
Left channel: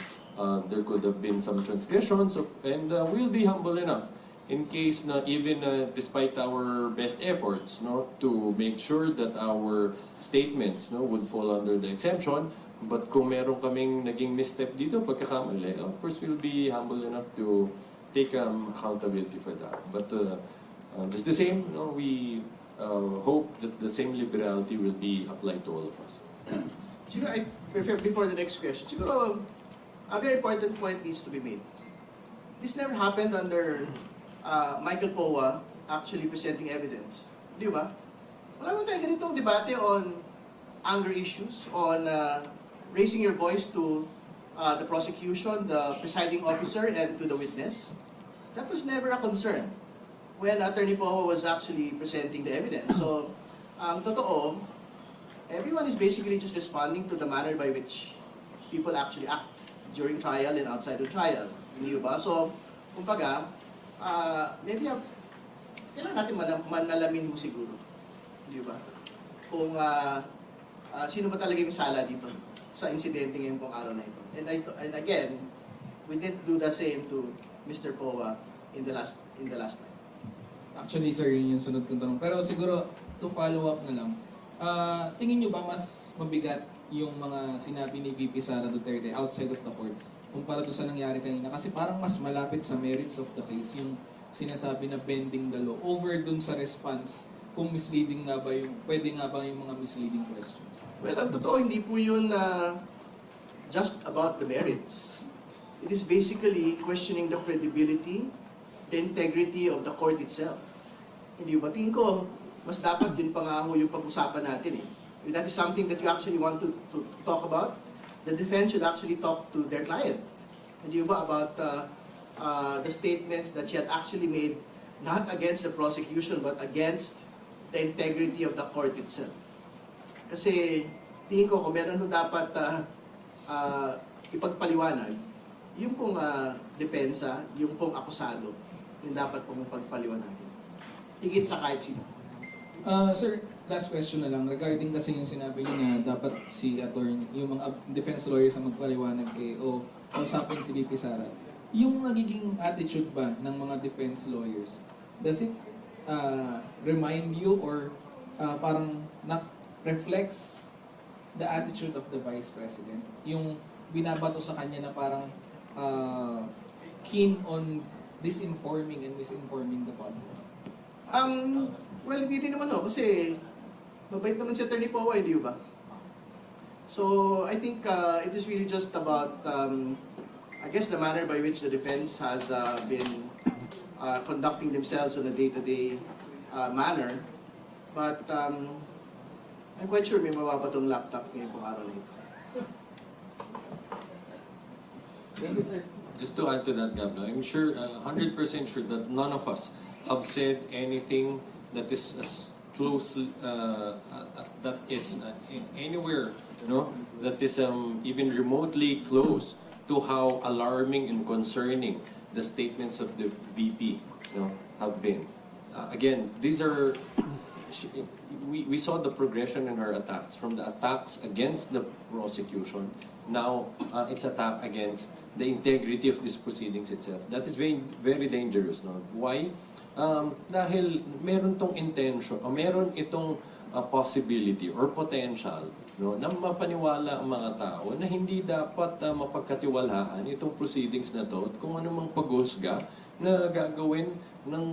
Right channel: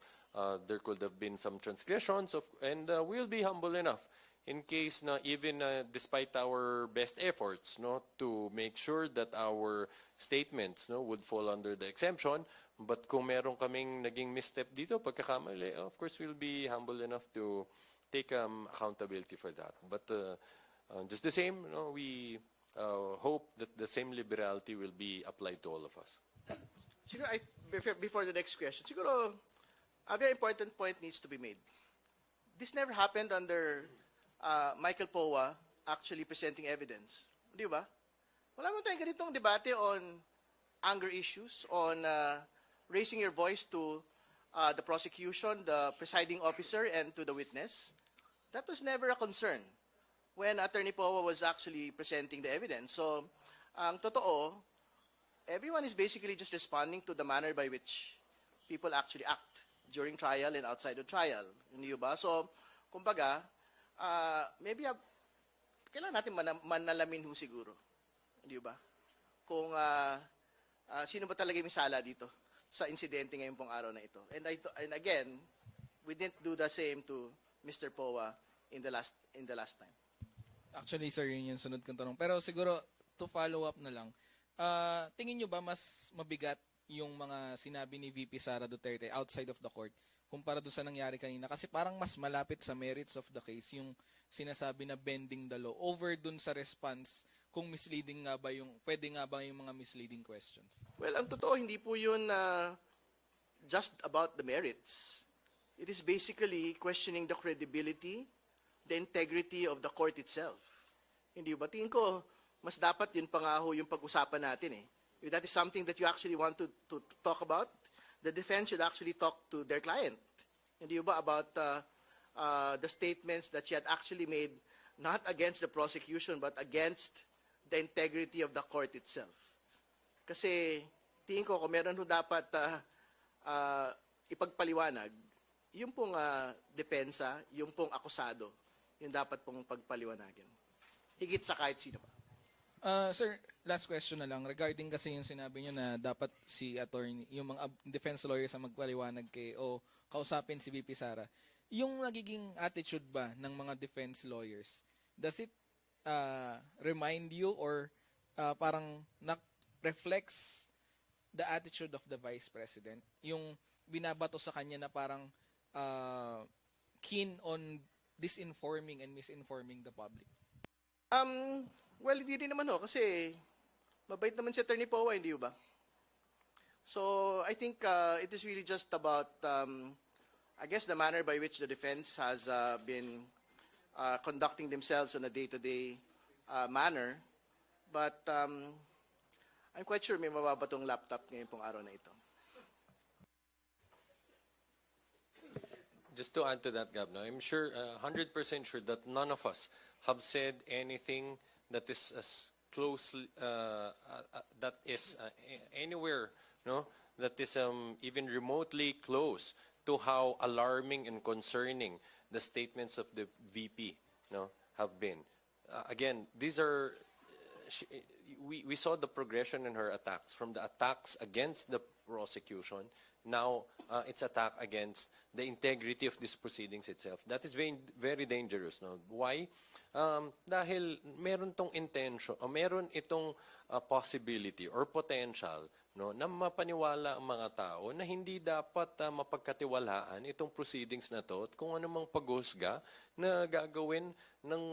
there could have been some transgressions and we'll be humble enough in case na even despite our best efforts to make sure that our statements would fall under the exemption, but kung meron kaming naging misstep dito, pagkakamali, of course we'll be humble enough to take accountability for that. But just the same, we hope that the same liberality will be applied to all of us. Siguro, before the next question, siguro, a very important point needs to be made. This never happened under Michael Poa actually presenting evidence. Di ba? Wala mo tayong ganitong debate on anger issues, on raising your voice to the prosecution, the presiding officer, and to the witness. That was never a concern when Attorney Poe was actually presenting the evidence. So, totoo, everyone is basically just responding to the manner by which people actually act during trial and outside of trial. Hindi ba? So, kumbaga, maybe kailangan natin manalamin mo siguro. Di ba? Kung sino ba talaga yung sala dito sa insidente ngayong pong araw na ito. And again, we didn't do the same to Mr. Poa in the last time. Actually, sir, yun yung sunod kong tanong. Pero siguro, to follow up na lang, tingin nyo ba mas mabigat yung mga sinabi ni VP Sara Duterte outside of the court kumpara doon sa nangyari kanina? Kasi parang mas malapit sa merits of the case yung sinasabi na bending the law over dun sa response kung misleading nga ba yung, pwede nga ba yung mga misleading questions? Well, ang totoo, hindi po yun just about the merits. It is basically questioning the credibility, the integrity of the court itself. Hindi ba? Tingin ko, mas dapat yun pa nga ho yung pag-usapan natin eh. If that is something that you actually want to talk about, the defense should actually talk to their client. Hindi ba about the statements that she had actually made, not against the prosecution, but against the integrity of the court itself. Kasi, tingin ko, kung meron ho dapat ipagpaliwanag, yung pong depensa, yung pong akusado, yung dapat pong pagpaliwanagin. Higit sa kahit sino. Sir, last question na lang. Regarding kasi yung sinabi niyo na dapat si attorney, yung mga defense lawyers na magpaliwanag kay o kausapin si VP Sara. Yung nagiging attitude ba ng mga defense lawyers, does it remind you or parang reflects the attitude of the Vice President? Yung binabato sa kanya na parang keen on disinforming and misinforming the public? Well, hindi rin naman kasi mabait naman si Attorney Poe, di ba? So, I think it is really just about, I guess, the manner by which the defense has been conducting themselves on a day-to-day manner. But I'm quite sure may mababagong laptop ngayon pong araw na ito. Just to add to that, Gabla, I'm sure, 100% sure that none of us have said anything that is closely, that is anywhere, that is even remotely close to how alarming and concerning the statements of the VP, have been. Again, these are, we saw the progression in her attacks, from the attacks against the prosecution, now it's attack against the integrity of these proceedings itself. That is very, very dangerous. No? Why? Dahil meron tong intention, o meron itong possibility or potential, na mapaniwala ang mga tao na hindi dapat mapagkatiwalaan itong proceedings na to at kung anumang paghusga na gagawin ng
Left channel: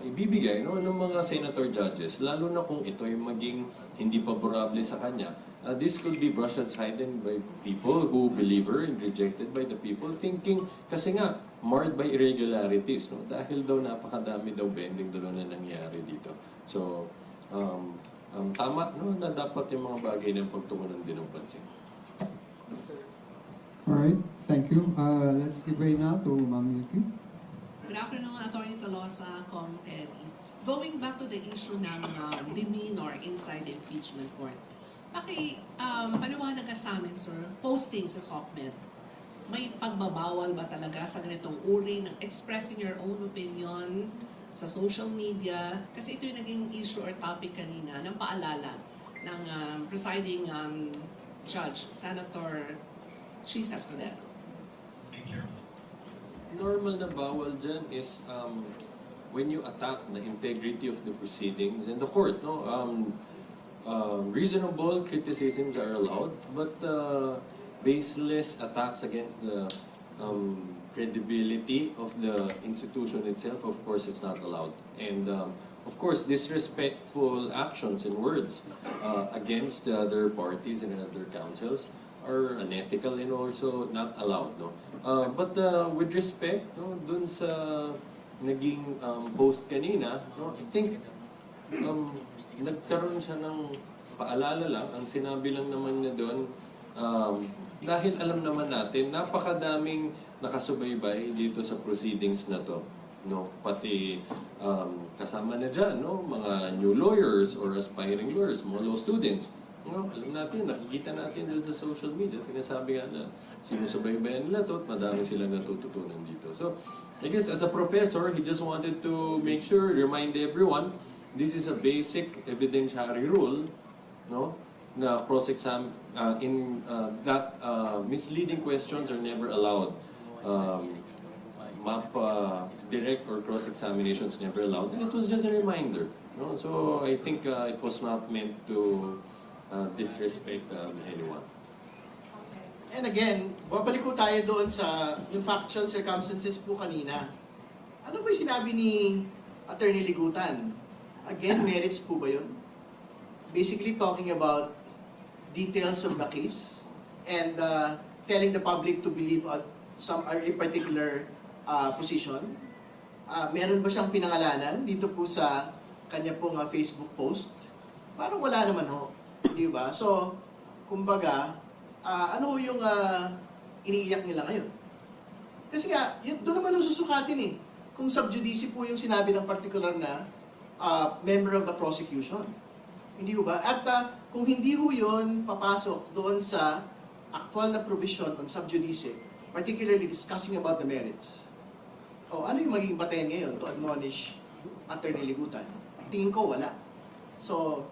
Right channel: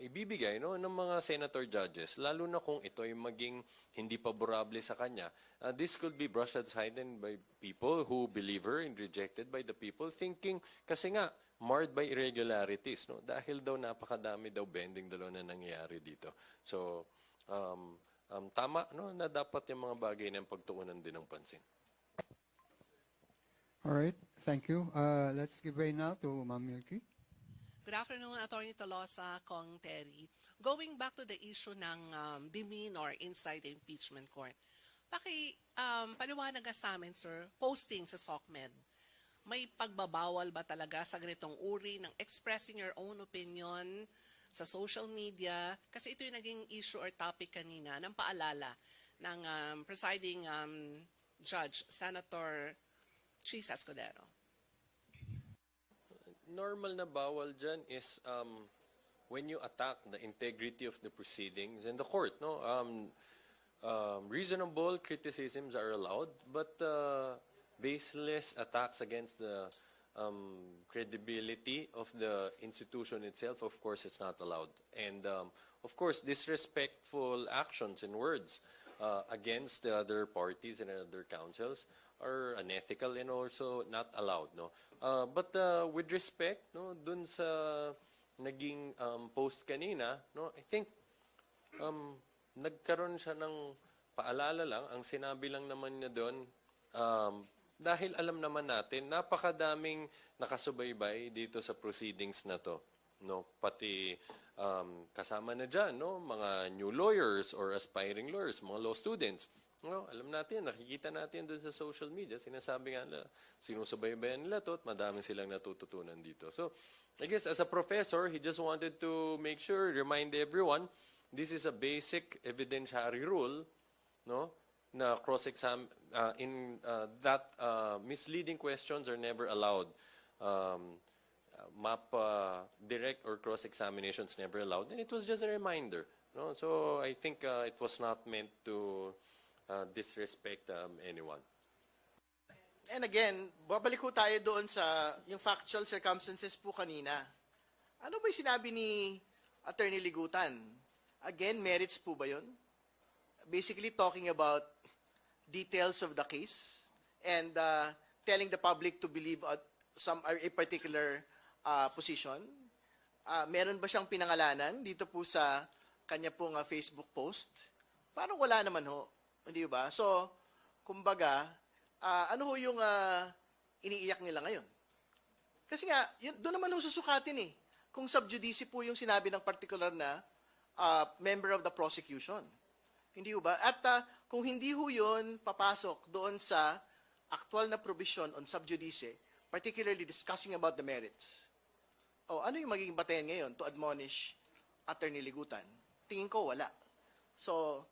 ibibigay ng mga senator judges, lalo na kung ito ay maging hindi favorable sa kanya. This could be brushed aside by people who believe her and rejected by the people, thinking kasi nga marred by irregularities, dahil daw napakadami daw bending daw na nangyari dito. So tama na dapat yung mga bagay ng pagtuunan din ng pansin. Alright, thank you. Let's give way now to Ma'am Milky. Good afternoon, Attorney Tolosa, Kong Terry. Going back to the issue ng demeanor inside the impeachment court. Paliwanag ka sa amin, sir, posting sa SOCMED, may pagbabawal ba talaga sa ganitong uri ng expressing your own opinion sa social media? Kasi ito yung naging issue or topic kanina ng paalala ng presiding judge, Senator Chis Escudero. Normal na bawal dyan is when you attack the integrity of the proceedings in the court. Reasonable criticisms are allowed, but baseless attacks against the credibility of the institution itself, of course, is not allowed. And of course, disrespectful actions and words against the other parties and other councils are unethical and also not allowed. But with respect, dun sa naging post kanina, no, I think nagkaroon siya ng paalala lang. Ang sinabi lang naman niya doon, dahil alam naman natin, napakadaming nakasubaybay dito sa proceedings na to. No, pati kasama na dyan, no, mga new lawyers or aspiring lawyers, mga law students. No, alam natin, nakikita natin dito sa social media, sinasabi nga na sinusubaybayan nila to at madami silang natututunan dito. So, I guess as a professor, he just wanted to make sure, remind everyone, this is a basic evidentiary rule, no, na cross-exam, misleading questions are never allowed. Direct or cross-examinations never allowed. And it was just a reminder. No? So I think it was not meant to disrespect anyone. And again, babalik ko tayo doon sa yung factual circumstances po kanina. Ano ba yung sinabi ni Attorney Ligutan? Again, merits po ba yun? Basically talking about details of the case and telling the public to believe a particular position. Meron ba siyang pinangalanan dito po sa kanya pong Facebook post? Parang wala naman ho. Di ba? So, kumbaga, ano yung iniiyak nila ngayon? Kasi nga, doon naman yung susukatin eh. Kung sub judice po yung sinabi ng particular na member of the prosecution. Hindi ba? At kung hindi ho yun papasok doon sa actual na provision on sub judice, particularly discussing about the merits, ano yung magiging batayan ngayon to admonish Attorney Ligutan? Tingin ko wala. So,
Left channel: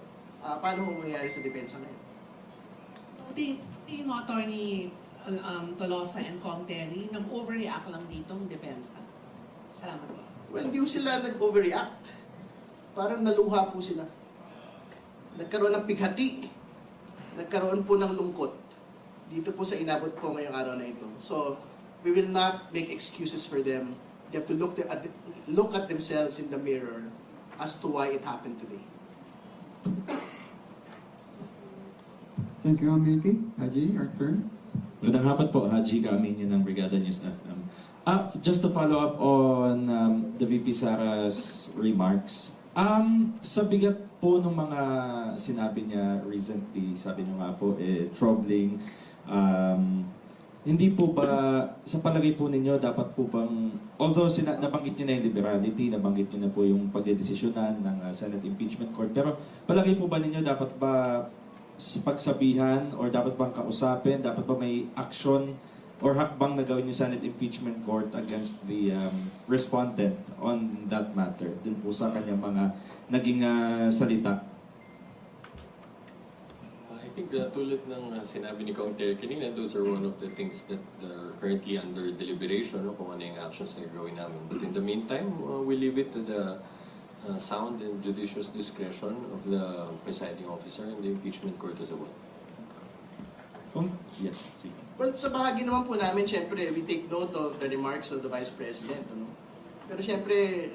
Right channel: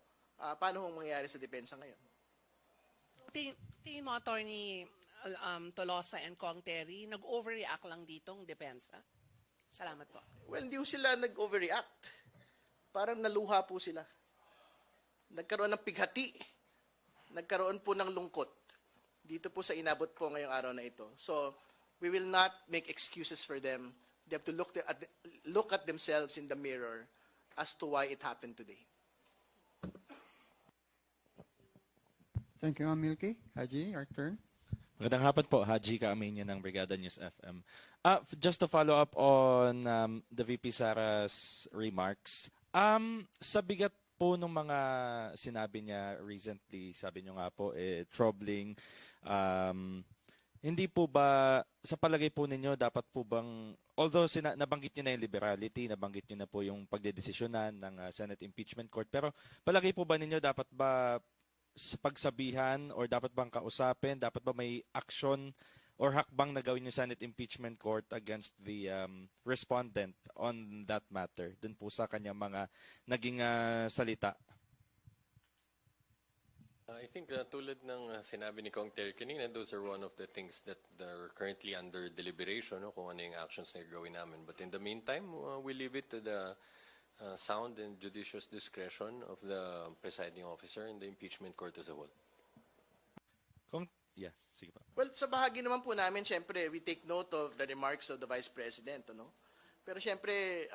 paano kung mangyayari sa depensa ngayon? Tingin mo, Attorney Tolosa and Kong Terry, nag-overreact lang dito ang depensa. Salamat po. Well, di po sila nag-overreact. Parang naluha po sila. Nagkaroon ng pighati. Nagkaroon po ng lungkot. Dito po sa inabot po ngayong araw na ito. So, we will not make excuses for them. They have to look at themselves in the mirror as to why it happened today. Thank you, Milky. Haji, your turn. Magandang hapon po, Haji Kaaminyo ng Brigada News FM. Just to follow up on the VP Sara's remarks, sa bigat po ng mga sinabi niya recently, sabi niyo nga po, troubling, hindi po ba, sa palagay po ninyo, dapat po bang, although nabanggit niyo na yung liberality, nabanggit niyo na po yung pagdedesisyonan ng Senate Impeachment Court, pero palagay po ba ninyo, dapat ba sa pagsabihan or dapat bang kausapin, dapat ba may action or hakbang na gawin yung Senate Impeachment Court against the respondent on that matter, dun po sa kanyang mga naging salita? I think tulad ng sinabi ni Kong Terry kanina, those are one of the things that are currently under deliberation, no, kung ano yung actions na gawin namin. But in the meantime, we leave it to the sound and judicious discretion of the presiding officer and the impeachment court as a whole. Yes, sige. Well, sa bahagi naman po namin, syempre, we take note of the remarks of the Vice President. Ano? Pero syempre,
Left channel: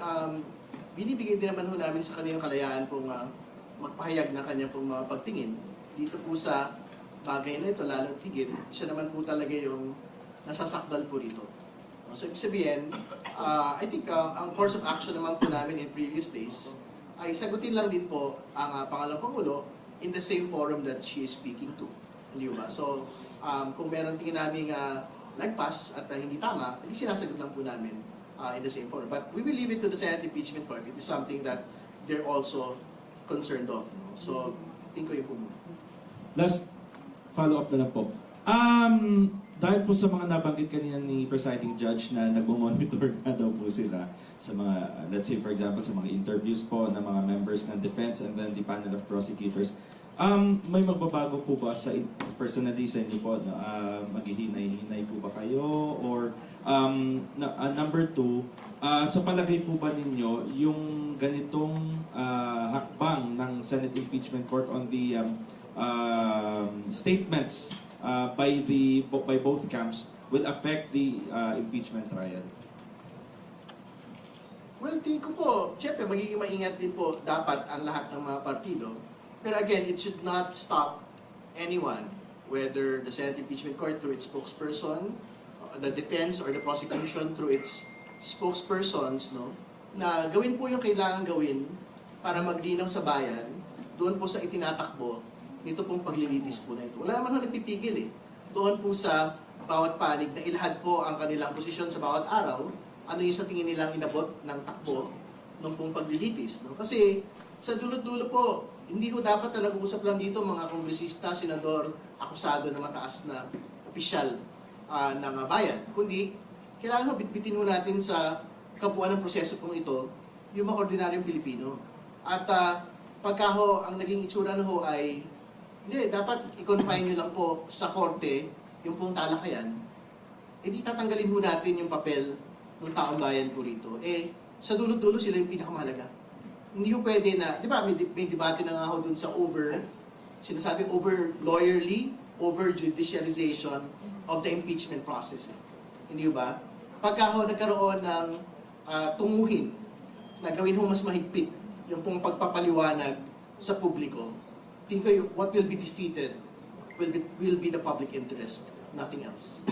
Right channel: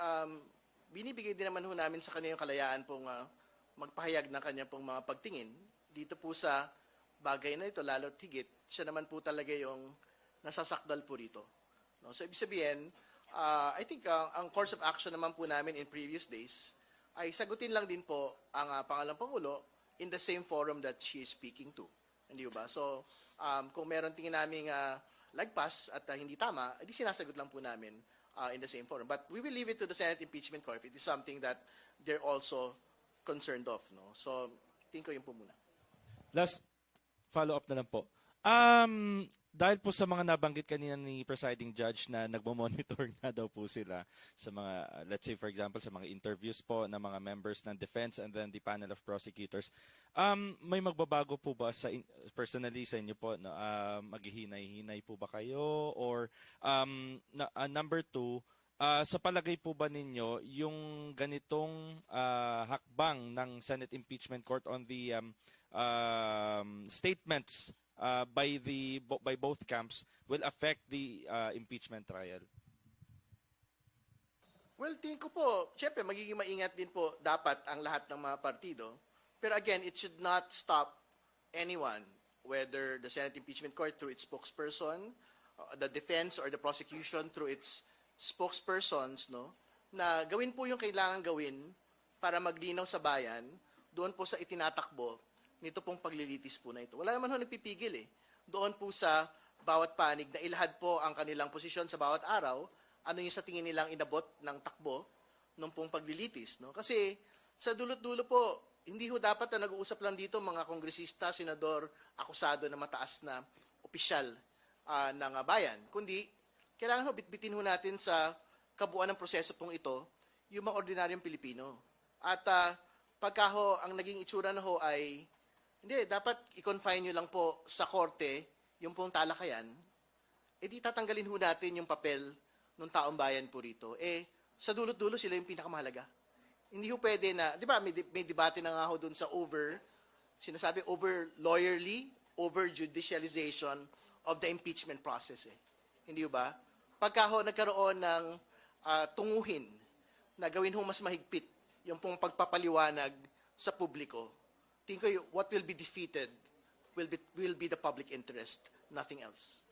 binibigay din naman po namin sa kanyang kalayaan pong magpahayag ng kanyang pong mga pagtingin. Dito po sa bagay na ito, lalong tigil, siya naman po talaga yung nasasakdal po dito. So, ibig sabihin, I think ang course of action naman po namin in previous days ay sagutin lang din po ang Pangalawang Pangulo in the same forum that she is speaking to. Hindi ba? So, kung meron tingin namin lagpas at hindi tama, hindi sinasagot lang po namin in the same forum. But we will leave it to the Senate Impeachment Court. It is something that they're also concerned of. No? So, tingin ko yun po muna. Last follow-up na lang po. Dahil po sa mga nabanggit kanina ni presiding judge na nag-monitor na daw po sila sa mga, let's say for example, sa mga interviews po ng mga members ng defense and then the panel of prosecutors, may magbabago po ba sa personally sa inyo po? Maghihinay-hinay po ba kayo? Or number two, sa palagay po ba ninyo, yung ganitong hakbang ng Senate Impeachment Court on the statements by both camps will affect the impeachment trial? Well, tingin ko po, syempre magiging maingat din po dapat ang lahat ng mga partido. Pero again, it should not stop anyone, whether the Senate Impeachment Court through its spokesperson, the defense or the prosecution through its spokespersons, no, na gawin po yung kailangan gawin para maglinaw sa bayan doon po sa itinatakbo nito pong paglilitis po na ito. Wala naman ho nagpipigil eh. Doon po sa bawat panig na ilahad po ang kanilang posisyon sa bawat araw, ano yung sa tingin nilang inabot ng takbo nung pong paglilitis. No? Kasi sa dulo-dulo po, hindi ko dapat na nag-uusap lang dito mga kongresista, senador, akusado na mataas na opisyal ng bayan. Kundi, kailangan ho bitbitin mo natin sa kabuuan ng proseso pong ito, yung mga ordinaryong Pilipino. At pagka ho, ang naging itsura na ho ay, hindi, dapat i-confine nyo lang po sa korte yung pong talakayan, di tatanggalin ho natin yung papel ng taong bayan po rito. Sa dulo-dulo sila yung pinakamahalaga. Hindi ho pwede na, di ba, may debate na nga ho dun sa sinasabi over lawyerly, over judicialization of the impeachment process. Hindi ho ba? Pagka ho nagkaroon ng tunguhin na gawin ho mas mahigpit yung pong pagpapaliwanag sa publiko, tingin ko what will be defeated will be the public interest, nothing else.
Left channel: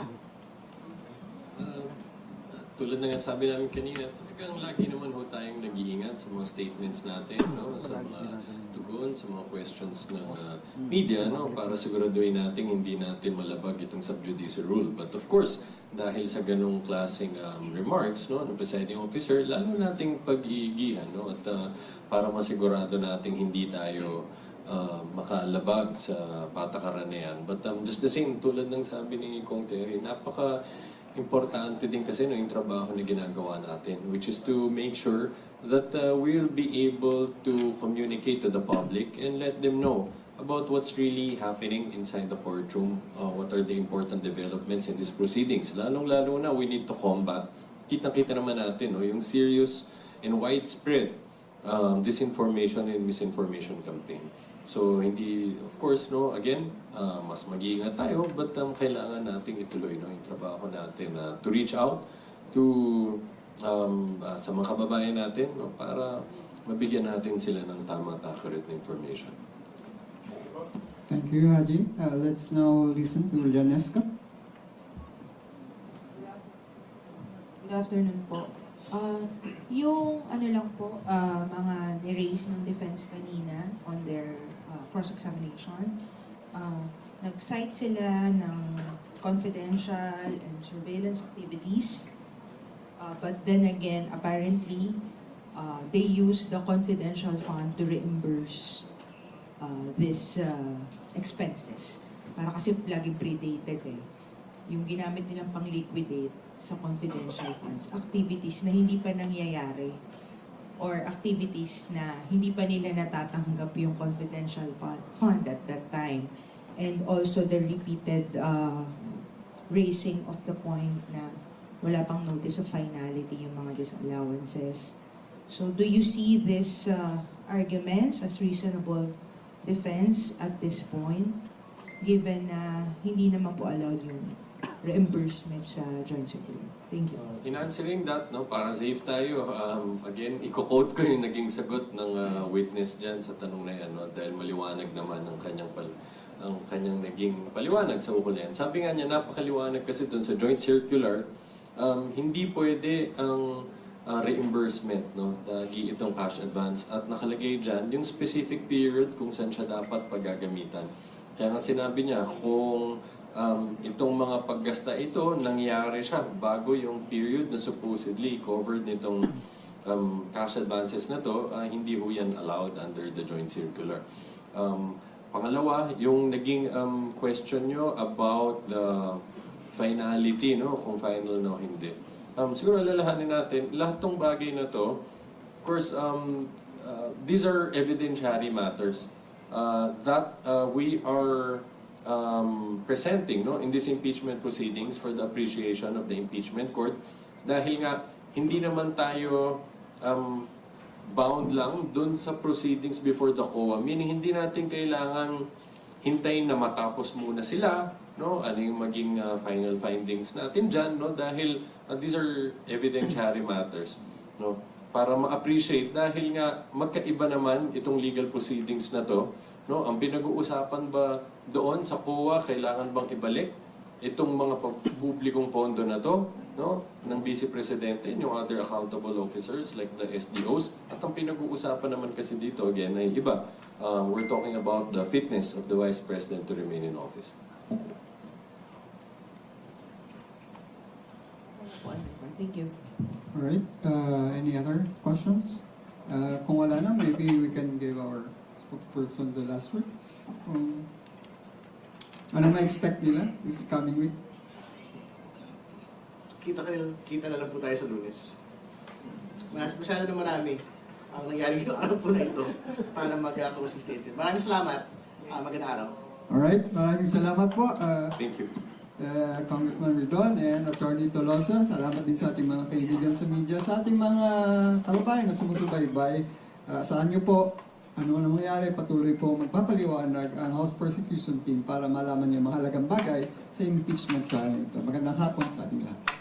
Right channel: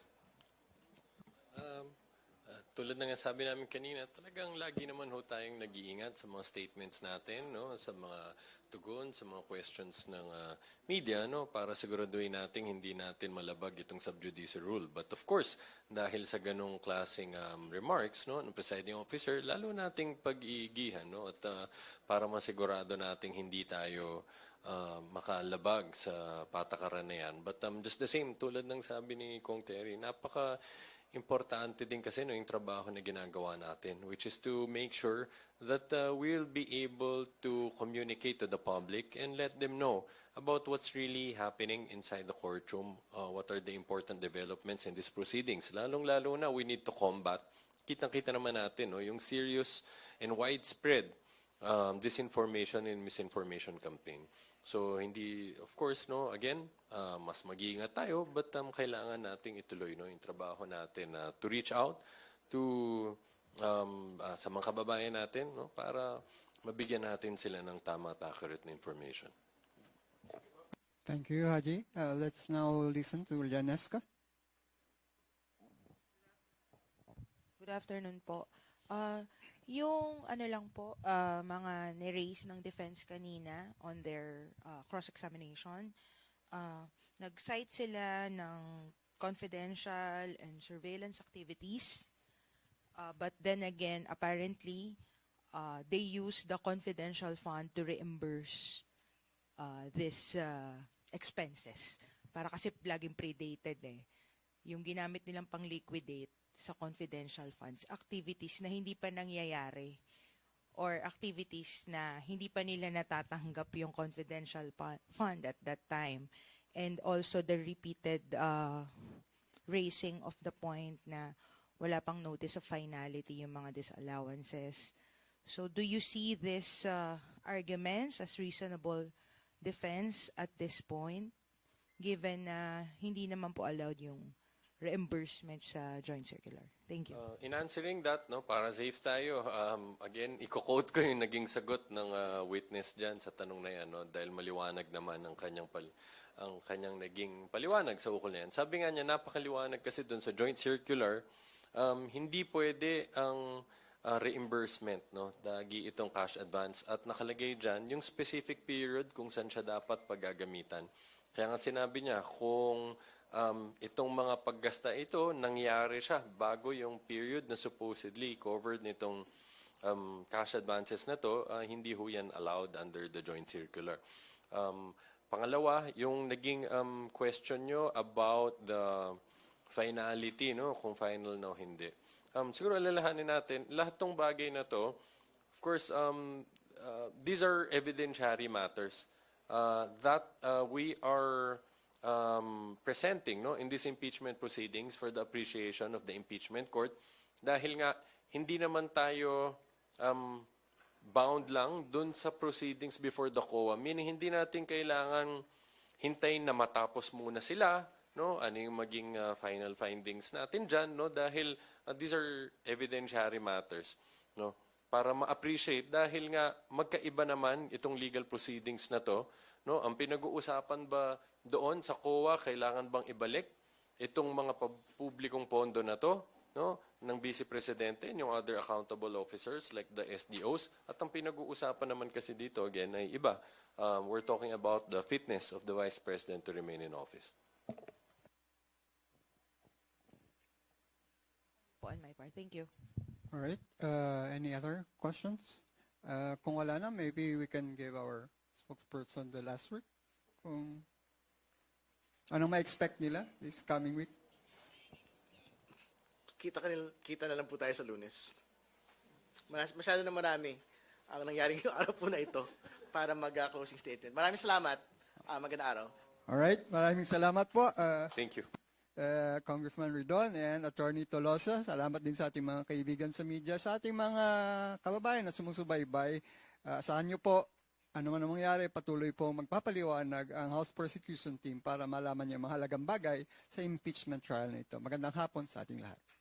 Tulad na nga sabi namin kanina, talagang lagi naman ho tayong nag-iingat sa mga statements natin, no? Sa mga tugon, sa mga questions ng media, no? Para siguraduhin natin hindi natin malabag itong sub judice rule. But of course, dahil sa ganong klaseng remarks, no, ng presiding officer, lalo nating pag-iigihan, no? At para masigurado natin hindi tayo makalabag sa patakaran na yan. But just the same, tulad ng sabi ni Kong Terry, napaka-importante din kasi ng trabaho na ginagawa natin, which is to make sure that we'll be able to communicate to the public and let them know about what's really happening inside the courtroom, what are the important developments in these proceedings. Lalong-lalo na, we need to combat, kitang-kita naman natin, no, yung serious and widespread disinformation and misinformation campaign. So, hindi, of course, no, again, mas mag-iingat tayo, but kailangan nating ituloy, no, yung trabaho natin to reach out to sa mga kababayan natin, no, para mabigyan natin sila ng tama at accurate na information. Thank you, Haji. Let's now listen to Leonesca. Good afternoon po. Yung ano lang po, mga ni-raise ng defense kanina on their cross-examination, nag-cite sila ng confidential and surveillance activities, but then again, apparently, they use the confidential fund to reimburse these expenses. Para kasi laging predated eh. Yung ginamit nilang pang-liquidate sa confidential funds, activities na hindi pa nangyayari or activities na hindi pa nila natatanggap yung confidential fund at that time. And also the repeated raising of the point na wala pang notice of finality yung mga disallowances. So do you see these arguments as reasonable defense at this point, given na hindi naman po allowed yung reimbursement sa joint circular? Thank you. In answering that, no, para safe tayo, again, i-quote ko yung naging sagot ng witness dyan sa tanong na yan, no, dahil maliwanag naman ang kanyang naging paliwanag sa ukol na yan. Sabi nga niya, napakaliwanag kasi dun sa joint circular, hindi pwede ang reimbursement, no, dahil itong cash advance, at nakalagay dyan yung specific period kung saan siya dapat paggagamitan. Kaya nga sinabi niya, kung itong mga paggasta ito, nangyari siya bago yung period na supposedly covered nitong cash advances na to, hindi ho yan allowed under the joint circular. Pangalawa, yung naging question nyo about the finality, no, kung final no, hindi. Siguro lalahanin natin, lahat tong bagay na to, of course, these are evidentiary matters that we are presenting, no, in these impeachment proceedings for the appreciation of the impeachment court, dahil nga hindi naman tayo bound lang dun sa proceedings before the COA, meaning hindi natin kailangan hintayin na matapos muna sila, no, ano yung maging final findings natin dyan, no, dahil these are evidentiary matters, no, para ma-appreciate, dahil nga magkaiba naman itong legal proceedings na to, no, ang pinag-uusapan ba doon sa COA, kailangan bang ibalik itong mga publikong pondo na to, no, ng Vice Presidente and yung other accountable officers like the SDOs. At ang pinag-uusapan naman kasi dito, again, ay iba. We're talking about the fitness of the Vice President to remain in office. Thank you. Alright, any other questions? Kung wala na, maybe we can give our spokesperson the last word. Ano ma-expect nila this coming week? Kita na lang po tayo sa Lunes. Masyado na marami ang nangyari yung araw po na ito para mag-closing statement. Maraming salamat. Magandang araw. Alright, maraming salamat po. Thank you. Congressman Ridon and Attorney Tolosa. Salamat din sa ating mga kaibigan sa media, sa ating mga kababayan na sumusubaybay. Saan niyo po, ano nangyayari, patuloy po magpapaliwanag ang House Prosecution Team para malaman niyo mahalagang bagay sa impeachment trial nito. Magandang hapon sa ating lahat.